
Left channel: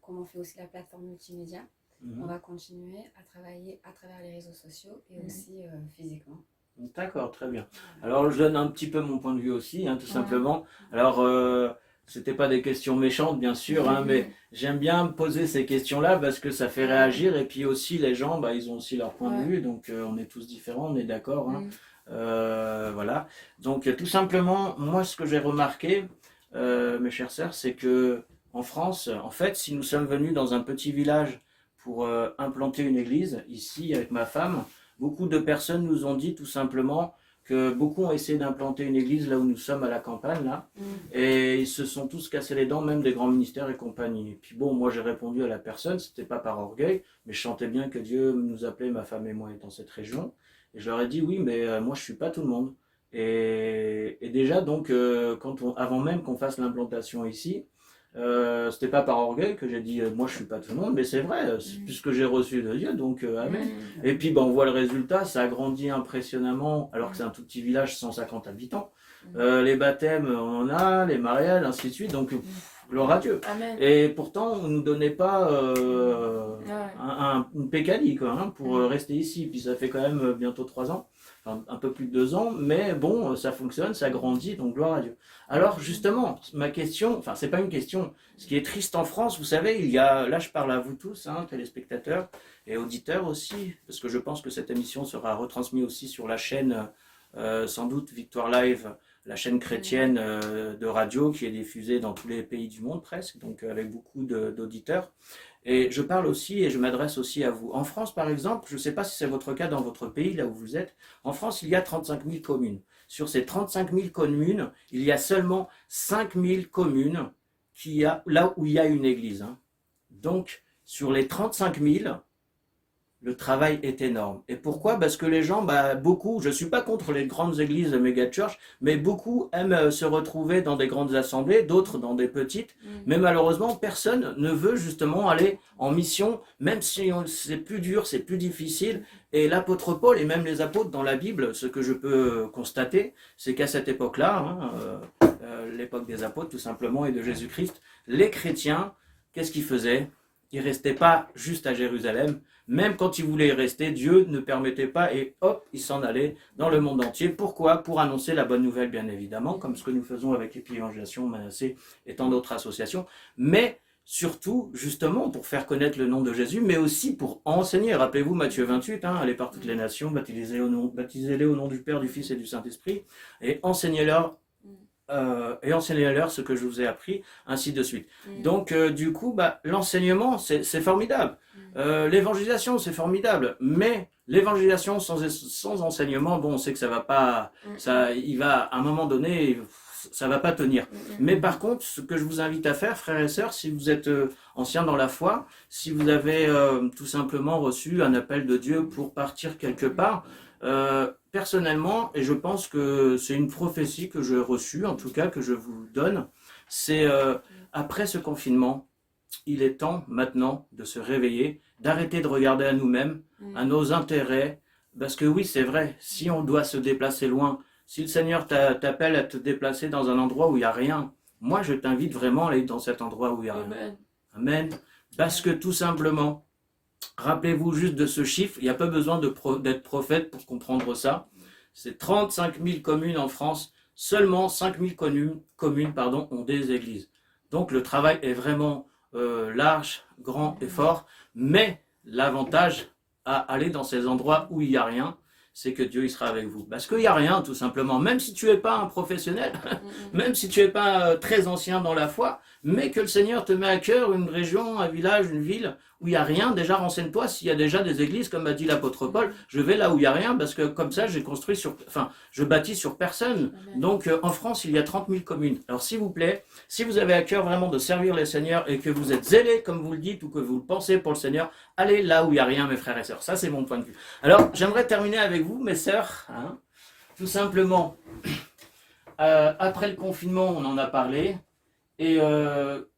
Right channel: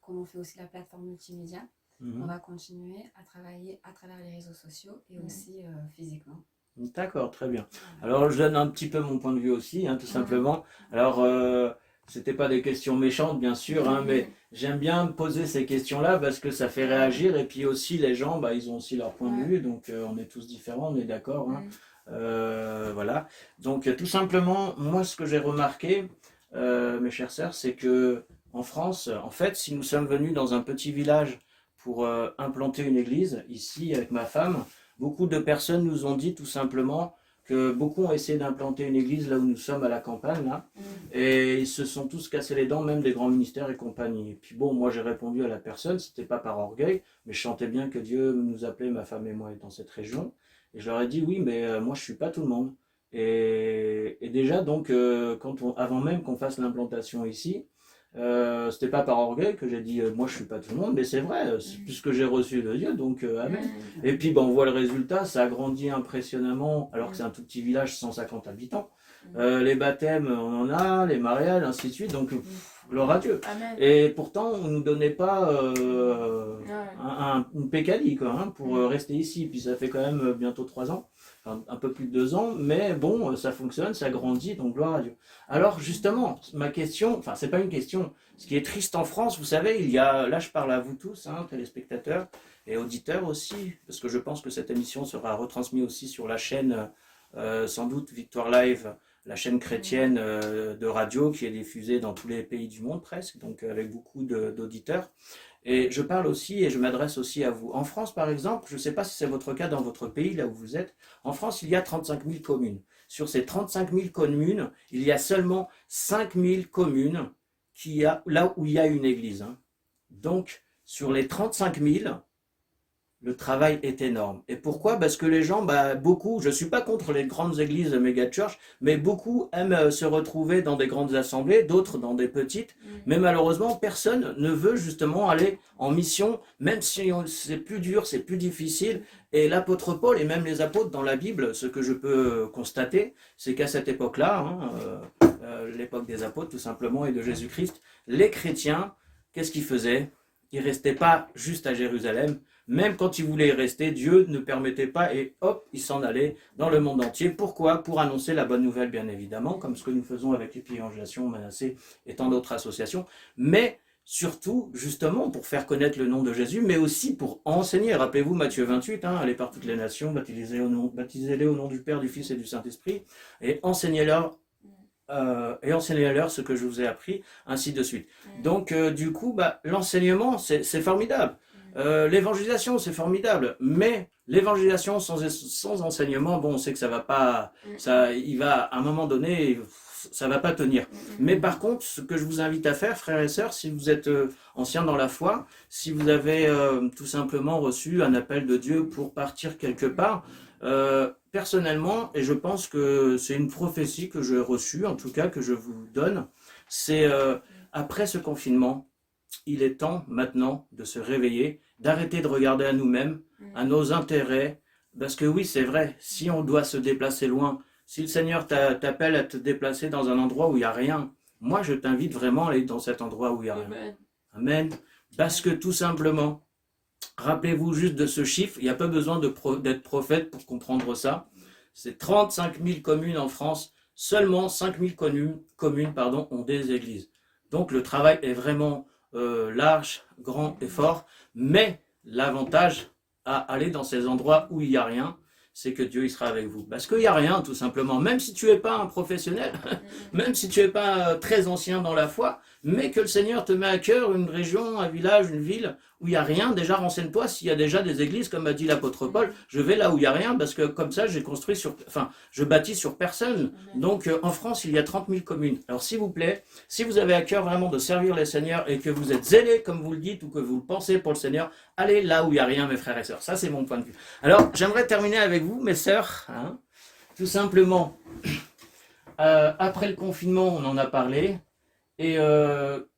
comme on fait aussi la plateforme multimédia, on va continuer à travailler à travers les réseaux sociaux et aussi physiquement. D'accord, très bien. Alors je donne un petit peu mon point de vue aussi, tout simplement. Alors c'était pas des questions méchantes bien sûr, mais j'aime bien poser ces questions-là parce que ça fait réagir et puis aussi les gens, ils ont aussi leur point de vue, donc on est tous différents, on est d'accord. Voilà. Donc tout simplement, moi ce que j'ai remarqué, mes chères sœurs, c'est que en France, en fait, si nous sommes venus dans un petit village pour implanter une église, ici avec ma femme, beaucoup de personnes nous ont dit tout simplement que beaucoup ont essayé d'implanter une église là où nous sommes à la campagne, là, et ils se sont tous cassés les dents, même des grands ministères et compagnie. Et puis bon, moi j'ai répondu à la personne, c'était pas par orgueil, mais je chantais bien que Dieu nous appelait, ma femme et moi, dans cette région. Et je leur ai dit, oui, mais moi je suis pas tout le monde. Et déjà, donc, avant même qu'on fasse l'implantation ici, c'était pas par orgueil que j'ai dit moi je suis pas tout le monde, mais c'est vrai, puisque j'ai reçu de Dieu, donc amen. Et puis on voit le résultat, ça a grandi impressionnamment, alors que c'est un tout petit village, 150 habitants. Les baptêmes, on en a, les mariages, ainsi de suite, donc gloire à Dieu. Amen. Et pourtant, on ne nous donnait pas une pécadille quoi, hein, pour rester ici, puis ça fait quand même bientôt 3 ans. Un peu plus de 2 ans, mais bon, ça fonctionne, ça grandit, donc gloire à Dieu. Alors justement, ma question, enfin c'est pas une question, ce qui est triste en France, vous savez, il y a, là je parle à vous tous, hein, téléspectateurs et auditeurs aussi, parce que je pense que cette émission sera retransmise aussi sur la chaîne, sans doute Victoire Live, la chaîne chrétienne de radio qui est diffusée dans tous les pays du monde presque, donc avec beaucoup d'auditeurs. Et je parle aussi et je m'adresse aussi à vous. En France, par exemple, je ne sais pas si c'est votre cas dans votre pays, là où vous êtes, en France, il y a 35 000 communes. Sur ces 35 000 communes, il y a seulement 5 000 communes là où il y a une église. Hein. Donc, sur les 35 000, le travail est énorme. Et pourquoi? Parce que les gens, beaucoup, je ne suis pas contre les grandes églises méga-church, mais beaucoup aiment se retrouver dans des grandes assemblées, d'autres dans des petites. Mais malheureusement, personne ne veut justement aller en mission, même si c'est plus dur, c'est plus difficile. Et l'apôtre Paul, et même les apôtres dans la Bible, ce que je peux constater, c'est qu'à cette époque-là, l'époque des apôtres tout simplement, et de Jésus-Christ, les chrétiens, qu'est-ce qu'ils faisaient? Ils ne restaient pas juste à Jérusalem. Même quand ils voulaient y rester, Dieu ne permettait pas et hop, ils s'en allaient dans le monde entier. Pourquoi? Pour annoncer la bonne nouvelle, bien évidemment, comme ce que nous faisons avec l'évangélisation, Manassé et tant d'autres associations. Mais surtout, justement, pour faire connaître le nom de Jésus, mais aussi pour enseigner. Rappelez-vous Matthieu 28, allez par toutes les nations, baptisez-les au nom du Père, du Fils et du Saint-Esprit, et enseignez-leur ce que je vous ai appris, ainsi de suite. Donc, du coup, l'enseignement, c'est formidable. L'évangélisation, c'est formidable, mais l'évangélisation sans enseignement, bon, on sait que ça va pas, il va, à un moment donné, ça va pas tenir. Mais par contre, ce que je vous invite à faire, frères et sœurs, si vous êtes anciens dans la foi, si vous avez tout simplement reçu un appel de Dieu pour partir quelque part, personnellement, et je pense que c'est une prophétie que j'ai reçue, en tout cas que je vous donne, c'est après ce confinement, il est temps maintenant de se réveiller, d'arrêter de regarder à nous-mêmes, à nos intérêts, parce que oui, c'est vrai, si on doit se déplacer loin, si le Seigneur t'appelle à te déplacer dans un endroit où il n'y a rien, moi je t'invite vraiment à aller dans cet endroit où il n'y a rien. Amen. Parce que tout simplement, rappelez-vous juste de ce chiffre, il n'y a pas besoin d'être prophète pour comprendre ça. C'est 35 000 communes en France, seulement 5 000 communes ont des églises. Donc le travail est vraiment large, grand et fort, mais l'avantage à aller dans ces endroits où il n'y a rien, c'est que Dieu il sera avec vous. Parce qu'il n'y a rien tout simplement, même si tu n'es pas un professionnel, même si tu n'es pas très ancien dans la foi, mais que le Seigneur te met à cœur une région, un village, une ville où il n'y a rien, déjà renseigne-toi s'il y a déjà des églises, comme a dit l'apôtre Paul, je vais là où il n'y a rien, parce que comme ça je bâtis sur personne. Donc en France, il y a 30 000 communes. Alors s'il vous plaît, si vous avez à cœur vraiment de servir les Seigneurs et que vous êtes zélés, comme vous le dites, ou que vous le pensez pour le Seigneur, allez là où il n'y a rien, mes frères et sœurs. Ça, c'est mon point de vue. Alors, j'aimerais terminer avec vous, mes sœurs, tout simplement, après le confinement, on en a parlé, et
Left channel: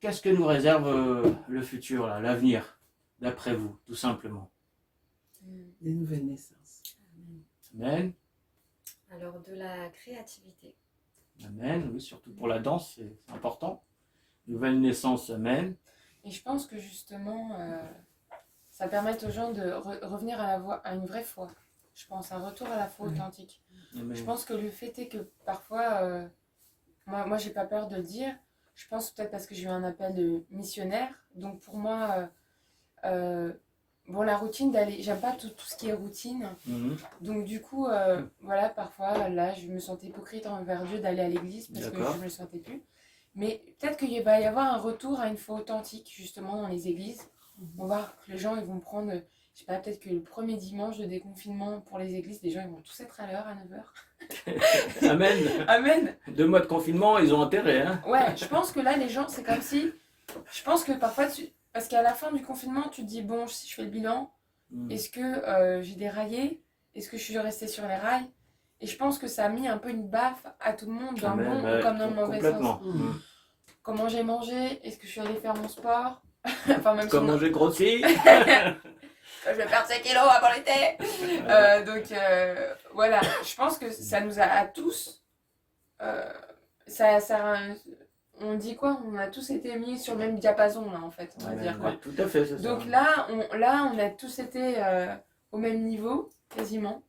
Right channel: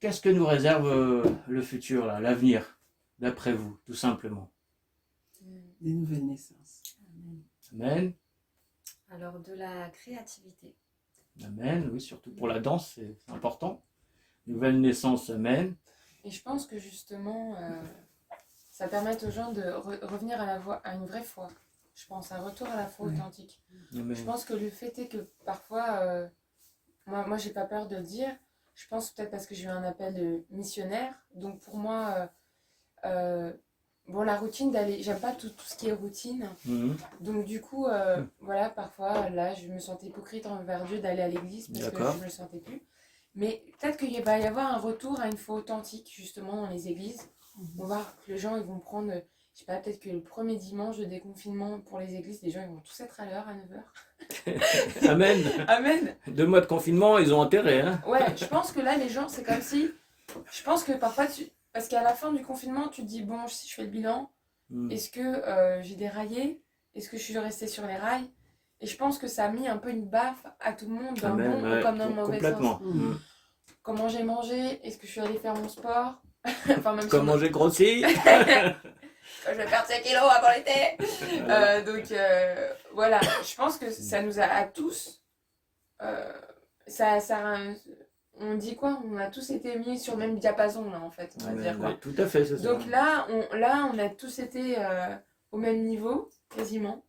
qu'est-ce que nous réserve le futur, l'avenir, d'après vous, tout simplement? Des nouvelles naissances. Amen. Alors, de la créativité. Amen, oui, surtout pour la danse, c'est important. Nouvelle naissance, amen. Et je pense que justement, ça permet aux gens de revenir à une vraie foi. Je pense, un retour à la foi authentique. Amen. Je pense que le fait est que parfois, moi j'ai pas peur de le dire, je pense peut-être parce que j'ai eu un appel de missionnaire, donc pour moi, la routine j'aime pas tout ce qui est routine, donc du coup, voilà, parfois là je me sentais hypocrite envers Dieu d'aller à l'église parce que je me le sentais plus, mais peut-être qu'il va y avoir un retour à une foi authentique justement dans les églises. On va voir que les gens ils vont prendre, je sais pas, peut-être que le premier dimanche de déconfinement pour les églises, les gens ils vont tous être à l'heure, à 9h. Amen. Amen. 2 mois de confinement, ils ont intérêt. Hein. Ouais, je pense que là, les gens, c'est comme si... Je pense que parfois, parce qu'à la fin du confinement, tu te dis, bon, si je fais le bilan, est-ce que j'ai déraillé? Est-ce que je suis restée sur les rails? Et je pense que ça a mis un peu une baffe à tout le monde, dans le bon ou comme dans le mauvais sens. Comment j'ai mangé? Est-ce que je suis allée faire mon sport? Enfin, même Comment j'ai grossi? Je vais perdre 5 kilos avant l'été. Donc voilà, je pense que ça nous a à tous. On dit quoi? On a tous été mis sur le même diapason là en fait, on va dire quoi. Tout à fait, c'est ça. Donc là, on a tous été au même niveau, quasiment.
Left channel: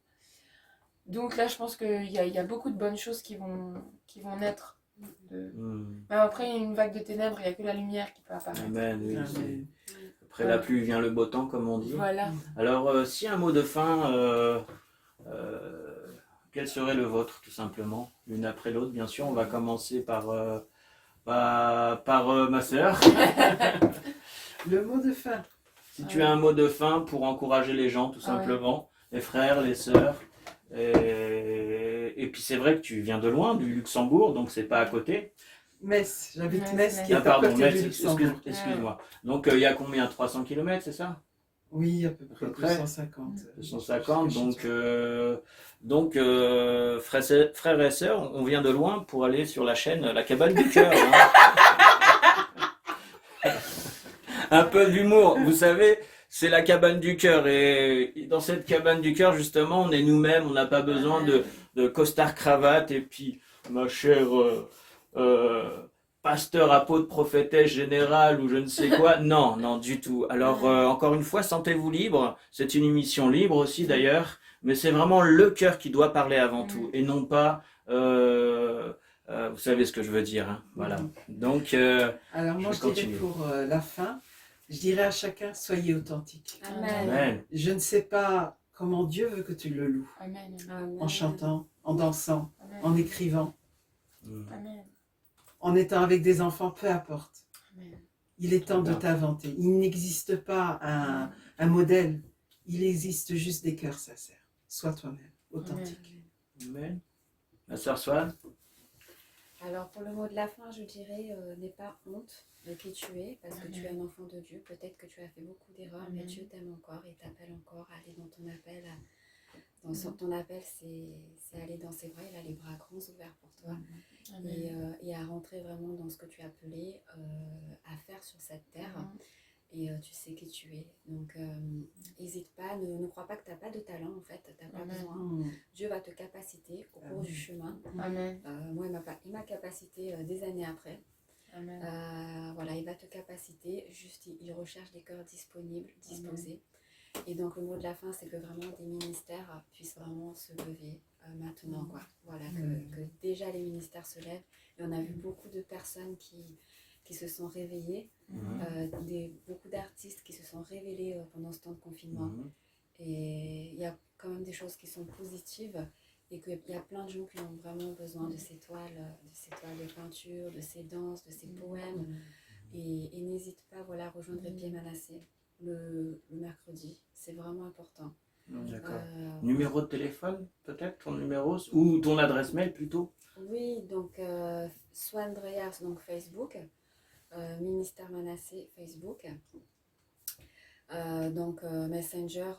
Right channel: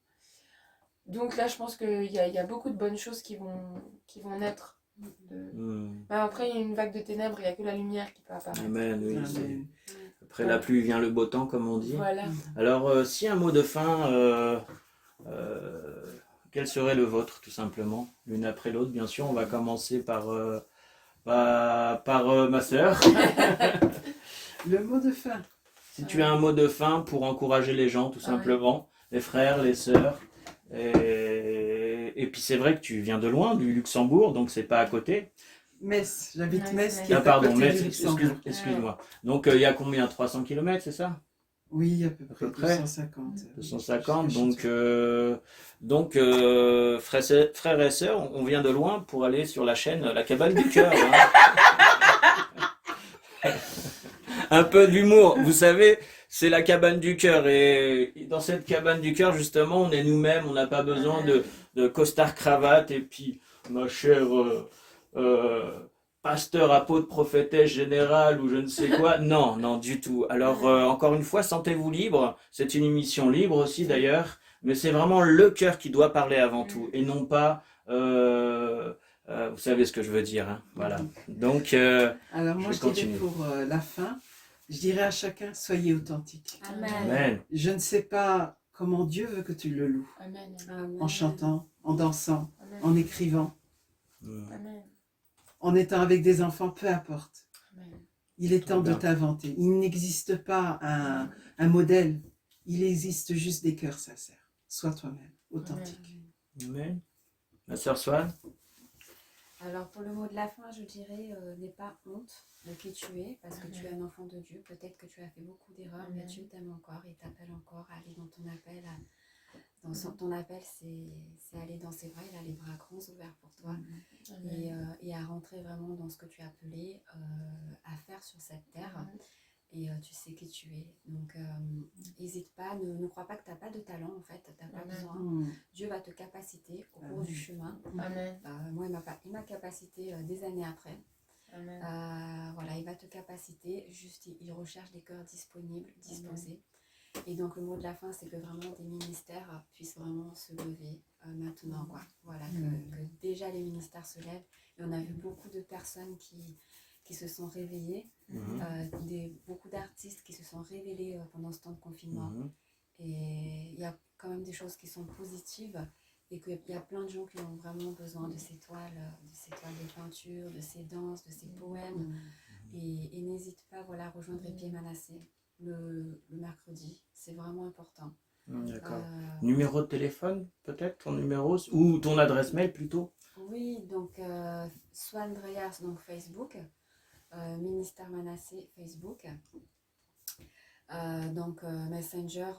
Donc là, je pense qu'il y a beaucoup de bonnes choses qui vont naître. Mais après, il y a une vague de ténèbres, il n'y a que la lumière qui peut apparaître. Amen, oui. Amen. Après la pluie vient le beau temps, comme on dit. Voilà. Alors, si un mot de fin, quel serait le vôtre, tout simplement? L'une après l'autre, bien sûr. On va commencer par ma sœur. Le mot de fin. Si tu as un mot de fin pour encourager les gens, tout simplement, les frères, les sœurs. Et puis c'est vrai que tu viens de loin, du Luxembourg, donc c'est pas à côté. Metz, j'habite Metz, qui est à côté du Luxembourg. Excuse-moi. Donc il y a combien? 300 km, c'est ça? Oui, à peu près 250. 250, donc frères et sœurs, on vient de loin pour aller sur la chaîne La Cabane du Cœur. Hein. Un peu d'humour, vous savez, c'est la cabane du cœur. Et dans cette cabane du cœur, justement, on est nous-mêmes, on n'a pas besoin de costard cravate. Et puis, ma chère pasteur, apôtre, prophétesse générale ou je ne sais quoi. Non, non, du tout. Alors, encore une fois, sentez-vous libre. C'est une émission libre aussi, d'ailleurs. Mais c'est vraiment le cœur qui doit parler avant tout. Et non pas... vous savez ce que je veux dire. Hein. Voilà. Donc, alors, moi, je dirais pour la fin, je dirais à chacun, soyez authentique. Amen. Je ne sais pas comment Dieu veut que tu le loues. Amen. En chantant, en dansant, en écrivant, Amen. en étant avec des enfants, peu importe. Amen. Il est temps de t'inventer. Il n'existe pas un modèle. Il existe juste des cœurs sincères. Sois toi-même, authentique. Amen. Ma sœur Swan? Alors pour le mot de la fin, je dirais, n'aie pas honte de qui tu es, parce que tu es un enfant de Dieu. Peut-être que tu as fait beaucoup d'erreurs, mais Dieu t'aime encore et t'appelle encore à aller dans ton appel. Ton appel, c'est aller dans ses bras. Il a les bras grands ouverts pour toi. Et à rentrer vraiment dans ce que tu es appelé à faire sur cette terre. Et tu sais qui tu es. Donc, n'hésite pas, ne crois pas que tu n'as pas de talent, en fait. Tu n'as pas besoin. Dieu va te capaciter au cours du chemin. Moi, il m'a capacité des années après. Voilà, il va te capaciter. Juste, il recherche des cœurs disponibles, disposés. Et donc, le mot de la fin, c'est que vraiment des ministères puissent vraiment se lever maintenant, quoi. Voilà, que déjà les ministères se lèvent. Et on a vu beaucoup de personnes qui se sont réveillés, beaucoup d'artistes qui se sont révélés pendant ce temps de confinement. Et il y a quand même des choses qui sont positives et qu'il y a plein de gens qui ont vraiment besoin de ces toiles de peinture, de ces danses, de ces poèmes. Et n'hésite pas à rejoindre Épied Manassé le mercredi, c'est vraiment important. D'accord. Numéro de téléphone, peut-être, ton numéro, ou ton adresse mail plutôt? Oui, donc Swan Dreyers, donc Facebook. Ministère Manassé Facebook, donc Messenger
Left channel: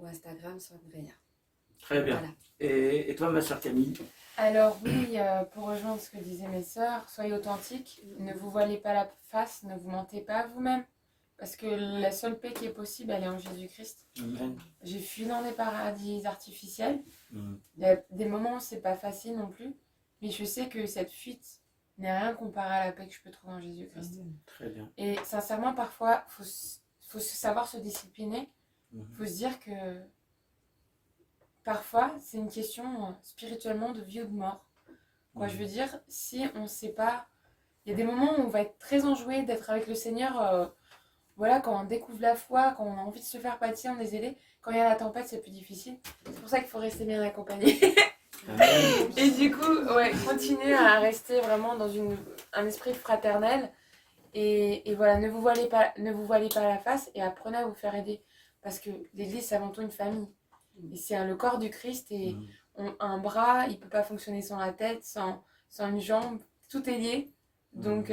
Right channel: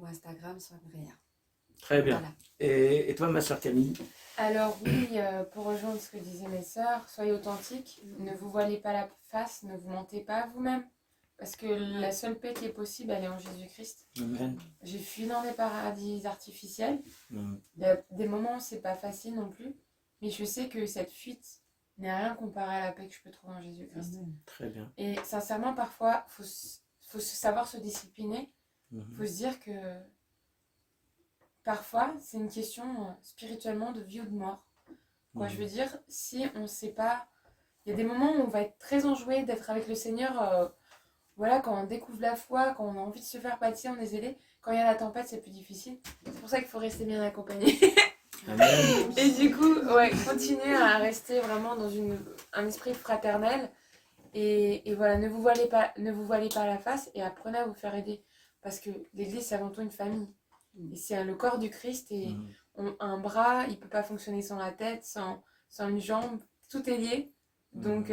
ou Instagram Swan Dreyer. Très bien. Voilà. Et toi, ma sœur Camille? Alors oui, pour rejoindre ce que disaient mes sœurs, soyez authentiques, ne vous voilez pas la face, ne vous mentez pas à vous-même, parce que la seule paix qui est possible, elle est en Jésus-Christ. J'ai fui dans des paradis artificiels, des moments où c'est pas facile non plus, mais je sais que cette fuite n'est rien comparé à la paix que je peux trouver en Jésus-Christ. Très bien. Et sincèrement, parfois, faut savoir se discipliner. Faut se dire que parfois, c'est une question spirituellement de vie ou de mort. Quoi, je veux dire, si on ne sait pas... Il y a des moments où on va être très enjoué d'être avec le Seigneur. Quand on découvre la foi, quand on a envie de se faire pâtir, on est zélé. Quand il y a la tempête, c'est plus difficile. C'est pour ça qu'il faut rester bien accompagné. Et du coup, continuez à rester vraiment dans un esprit fraternel et voilà, ne vous voilez pas la face et apprenez à vous faire aider parce que l'Église, c'est avant tout une famille. Et c'est le corps du Christ, et un bras, il ne peut pas fonctionner sans la tête, sans une jambe, tout est lié. Donc,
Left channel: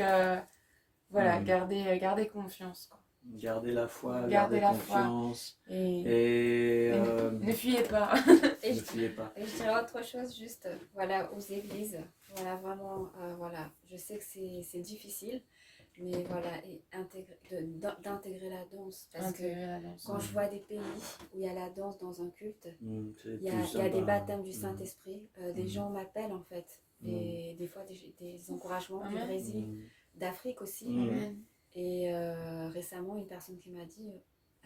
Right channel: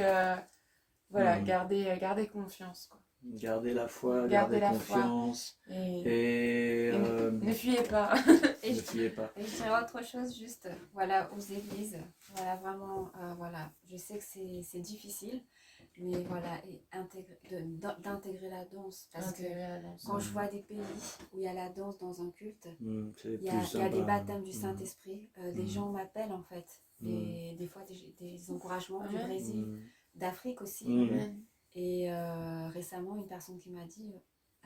voilà, gardez confiance, quoi. Gardez la foi, gardez confiance. Et ne fuyez pas. Et Ne fuyez pas. Et je dirais autre chose, juste, voilà, aux églises, voilà, vraiment, voilà, je sais que c'est difficile, mais voilà, et d'intégrer la danse, parce que quand je vois des pays où il y a la danse dans un culte, il y a des baptêmes du Saint-Esprit, des gens m'appellent en fait, et des fois des encouragements du Brésil, d'Afrique aussi, et récemment une personne qui m'a dit...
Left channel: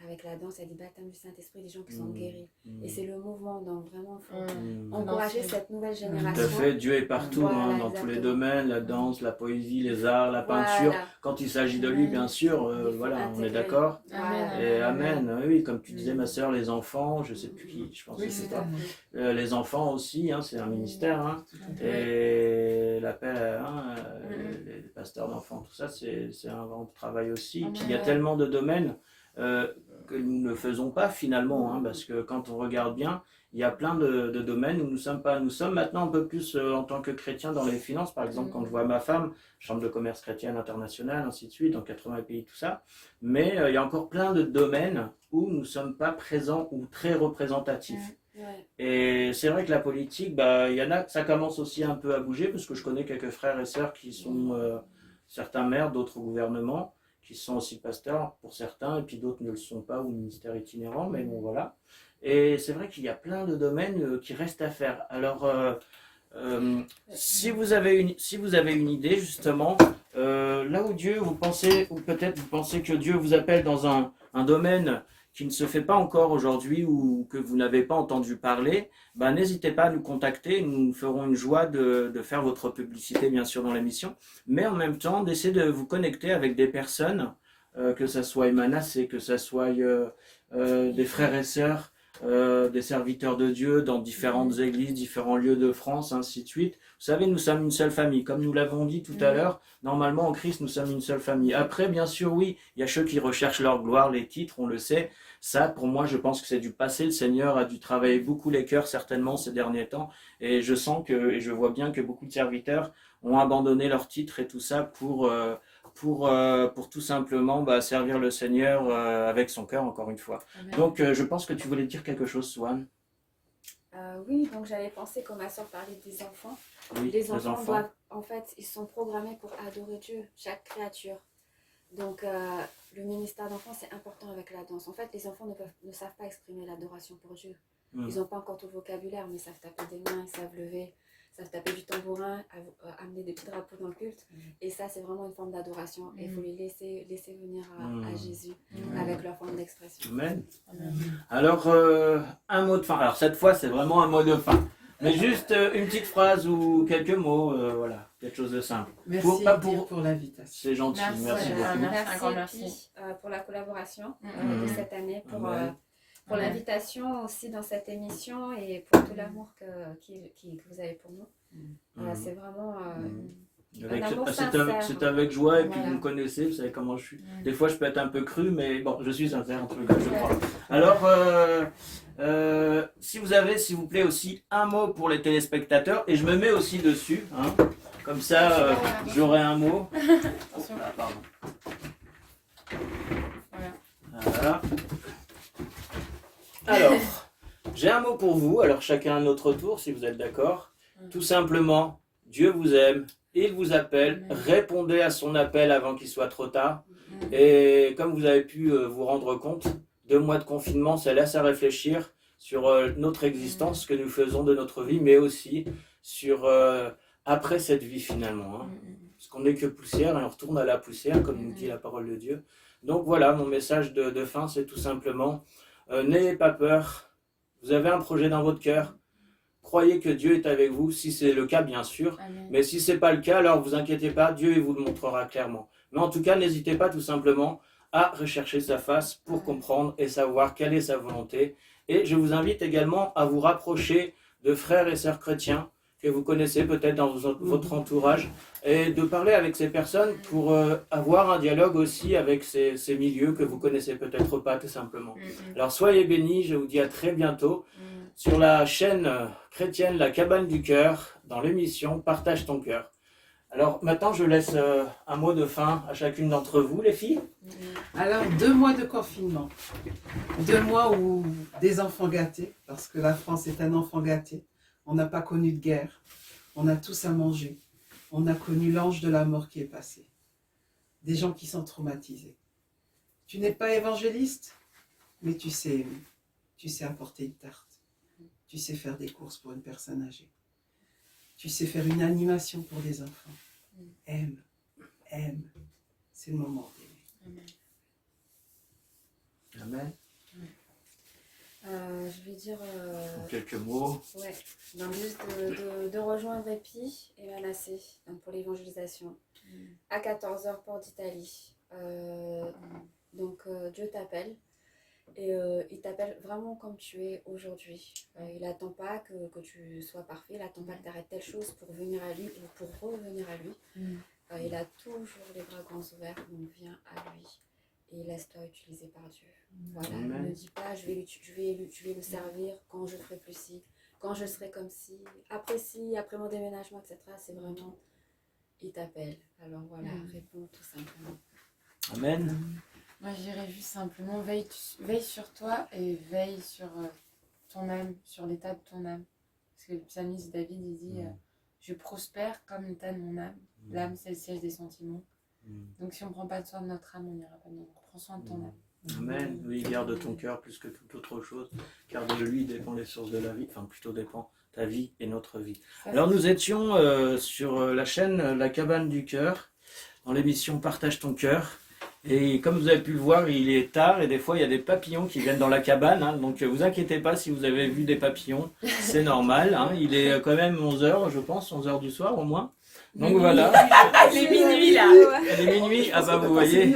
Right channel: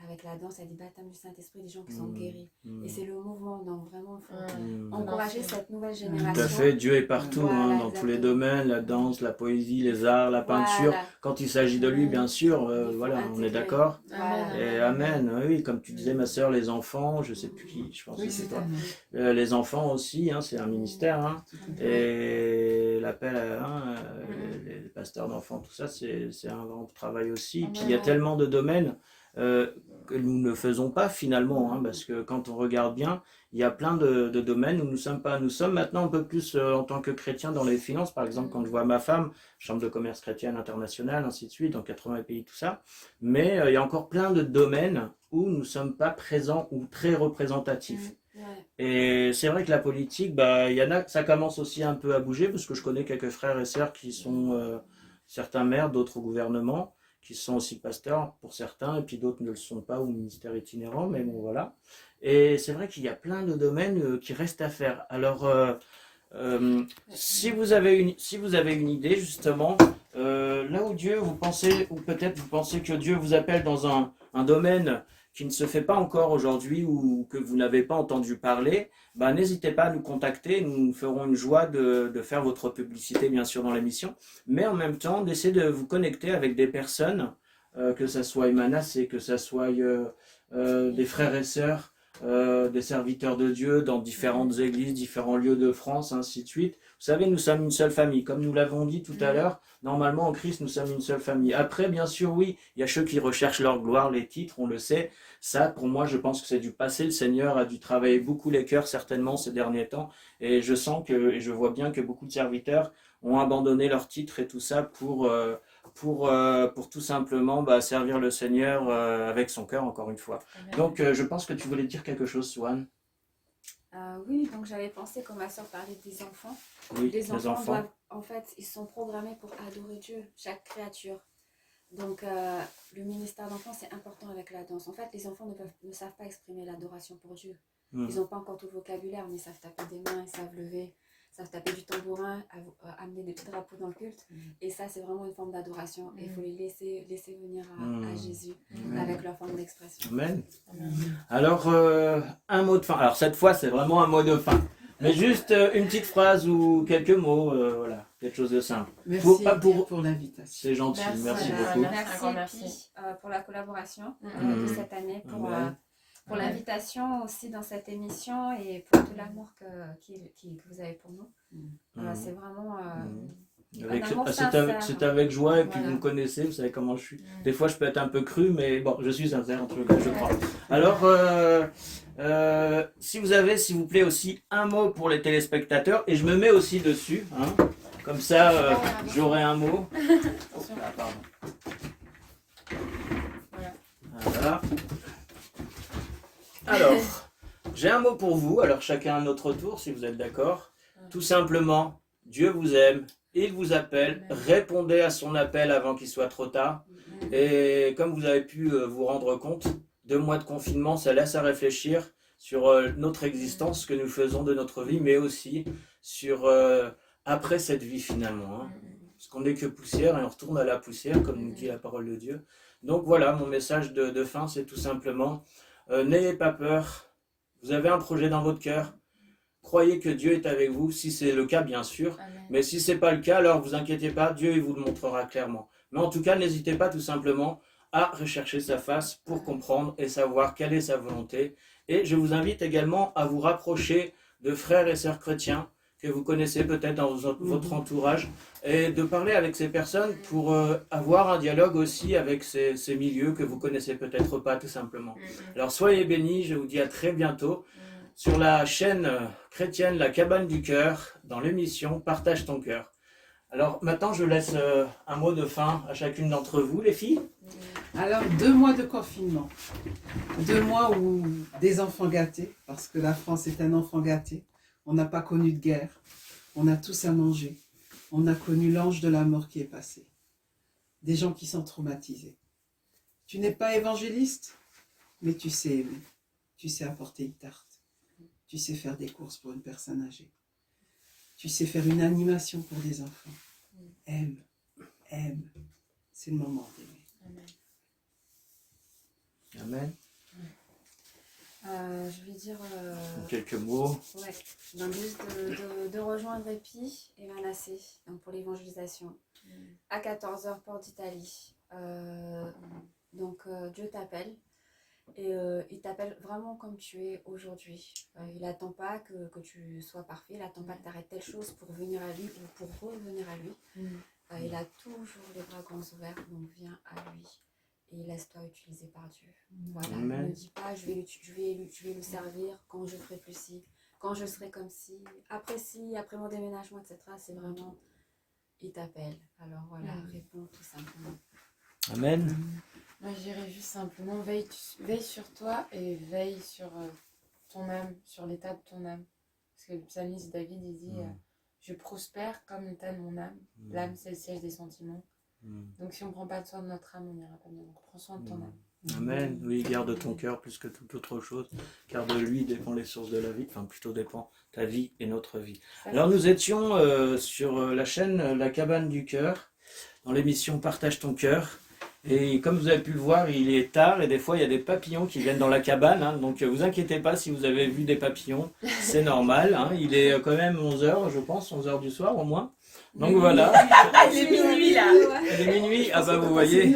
Avec la danse, il y a des baptêmes du Saint-Esprit, des gens qui sont guéris. Et c'est le mouvement, donc vraiment, il faut encourager cette nouvelle génération. Tout à fait, Dieu est partout, Voilà, dans tous les domaines, la danse, la poésie, les arts, la peinture. Voilà. Quand il s'agit de lui, bien sûr, voilà, on est d'accord. Voilà. Et Amen, oui, comme tu disais, ma sœur, les enfants, je ne sais plus qui, je pense que c'est toi. Les enfants aussi, c'est un ministère. Et l'appel, les pasteurs d'enfants, tout ça, c'est un grand travail aussi. Et puis il y a tellement de domaines que nous ne faisons pas finalement, parce que quand on regarde bien, il y a plein de domaines où nous sommes pas. Nous sommes maintenant un peu plus en tant que chrétiens dans les finances, par exemple, quand je vois ma femme, Chambre de commerce chrétienne internationale, ainsi de suite, dans 80 pays, tout ça. Mais il y a encore plein de domaines où nous ne sommes pas présents ou très représentatifs. Et c'est vrai que la politique, il y en a, ça commence aussi un peu à bouger, parce que je connais quelques frères et sœurs qui sont certains maires, d'autres au gouvernement, qui sont aussi pasteurs pour certains, et puis d'autres ne le sont pas, ou ministère itinérant, mais bon voilà. Et c'est vrai qu'il y a plein de domaines qui restent à faire. Alors, si vous avez une idée, justement, là où Dieu, vous pensez, ou peut-être vous pensez que Dieu vous appelle dans un domaine qui ne se fait pas encore aujourd'hui ou que vous n'avez pas entendu parler, n'hésitez pas à nous contacter. Nous ferons une joie de faire votre publicité, bien sûr, dans l'émission, mais en même temps, d'essayer de vous connecter avec des personnes, que ce soit Emmanas, que ce soit des frères et sœurs, des serviteurs de Dieu dans différentes églises, différents lieux de France, ainsi de suite. Vous savez, nous sommes une seule famille. Comme nous l'avons dit tout à l'heure, normalement, en Christ, nous sommes une seule famille. Après, bien sûr, oui, il y a ceux qui recherchent leur gloire, les titres, on le sait. Ça, pour moi, je pense que c'est du passé. Le Seigneur a dû travailler beaucoup les cœurs, certainement, ces derniers temps. Et je sens et je vois bien que beaucoup de serviteurs ont abandonné leurs titres et tout ça pour tout simplement servir le Seigneur avec son cœur, encore une fois. Amen. Donc, je pense que tu voulais dire quelque chose, Swan. Oui, donc j'avais pensé, comme ma soeur parlait des enfants. Oui, les enfants doivent, en fait, ils sont programmés pour adorer Dieu, chaque créature. Donc, le ministère d'enfants, c'est important avec la danse. En fait, les enfants ne savent pas exprimer l'adoration pour Dieu. Ils n'ont pas encore tout le vocabulaire, mais ils savent taper des mains, ils savent lever, ils savent taper du tambourin, amener des petits drapeaux dans le culte. Et ça, c'est vraiment une forme d'adoration. Et il faut les laisser venir à Jésus avec leur forme d'expression. Amen. Alors, un mot de fin. Alors, cette fois, c'est vraiment un mot de fin. Mais juste une petite phrase ou quelques mots, voilà, quelque chose de simple. Merci pour l'invitation. C'est gentil, merci beaucoup. Merci pour la collaboration de cette année, pour l'invitation aussi dans cette émission et pour tout l'amour que vous avez pour nous. C'est vraiment un amour sincère. C'est avec joie et puis vous me connaissez, vous savez comment je suis. Des fois je peux être un peu cru, mais bon, je suis sincère, en tout cas, je crois. Alors, si vous avez, s'il vous plaît, aussi un mot pour les téléspectateurs, et je me mets aussi dessus, comme ça j'aurai un mot. Oh, là, pardon. Voilà. Alors, j'ai un mot pour vous, alors chacun à notre tour, si vous êtes d'accord. Tout simplement, Dieu vous aime, il vous appelle, répondez à son appel avant qu'il soit trop tard. Et comme vous avez pu vous rendre compte, 2 mois de confinement, ça laisse à réfléchir sur notre existence, ce que nous faisons de notre vie, mais aussi sur après cette vie finalement. Parce qu'on n'est que poussière et on retourne à la poussière, comme nous dit la parole de Dieu. Donc voilà, mon message de fin, c'est tout simplement, n'ayez pas peur, vous avez un projet dans votre cœur, croyez que Dieu est avec vous, si c'est le cas bien sûr, mais si ce n'est pas le cas, alors vous inquiétez pas, Dieu il vous le montrera clairement. Mais en tout cas, n'hésitez pas tout simplement à rechercher sa face pour comprendre et savoir quelle est sa volonté. Et je vous invite également à vous rapprocher de frères et sœurs chrétiens que vous connaissez peut-être dans votre entourage, et de parler avec ces personnes pour avoir un dialogue aussi avec ces milieux que vous connaissez peut-être pas tout simplement. Alors soyez bénis, je vous dis à très bientôt sur la chaîne chrétienne La Cabane du Cœur, dans l'émission Partage ton cœur. Alors maintenant je laisse un mot de fin à chacune d'entre vous les filles. Alors 2 mois de confinement, 2 mois où des enfants gâtés, parce que la France est un enfant gâté. On n'a pas connu de guerre, on a tous à manger, on a connu l'ange de la mort qui est passé. Des gens qui sont traumatisés. Tu n'es pas évangéliste, mais tu sais apporter une tarte, tu sais faire des courses pour une personne âgée, tu sais faire une animation pour des enfants. Aime, c'est le moment d'aimer. Amen. Je vais dire... Quelques mots. Ouais, donc juste de rejoindre Épi et Manassé donc pour l'évangélisation à 14h Porte d'Italie. Donc Dieu t'appelle et il t'appelle vraiment comme tu es aujourd'hui. Il n'attend pas que tu sois parfait, il n'attend pas que tu arrêtes telle chose pour venir à lui ou pour revenir à lui. Il a toujours les bras grands ouverts, donc viens à lui. Et laisse-toi utiliser par Dieu. Voilà, Amen. ne dis pas je vais le servir quand je ferai plus ci, quand je serai comme ci, après mon déménagement, etc. C'est vraiment, il t'appelle. Alors voilà, réponds tout simplement. Amen. Moi je dirais juste simplement, veille sur toi et veille sur ton âme, sur l'état de ton âme. Parce que le psalmiste David, il dit je prospère comme l'état de mon âme. L'âme, c'est le siège des sentiments. Donc si on ne prend pas soin de notre âme, on n'ira pas bien. Donc prends soin de ton âme. Amen. Oui, garde ton cœur plus que toute autre chose, car de lui dépend les sources de la vie, enfin plutôt dépend ta vie et notre vie. Alors nous étions sur la chaîne La Cabane du Cœur, dans l'émission Partage ton cœur. Et comme vous avez pu le voir, il est tard et des fois il y a des papillons qui viennent dans la cabane. Hein, donc vous inquiétez pas si vous avez vu des papillons, c'est normal. Hein, il est quand même 11h, je pense, 11h du soir au moins. Donc voilà. Il est minuit là. Il est minuit, ah bah vous voyez.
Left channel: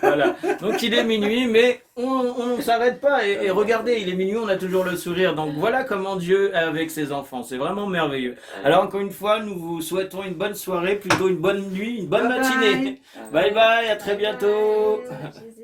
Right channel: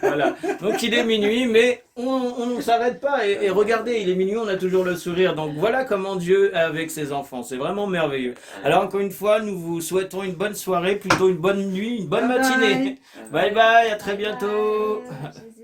Voilà. Donc il est minuit, mais on ne s'arrête pas. Et regardez, il est minuit, on a toujours le sourire. Donc voilà comment Dieu est avec ses enfants. C'est vraiment merveilleux. Alors encore une fois, nous vous souhaitons une bonne soirée, plutôt une bonne nuit, une bonne matinée. Bye bye, à très bientôt. Bye.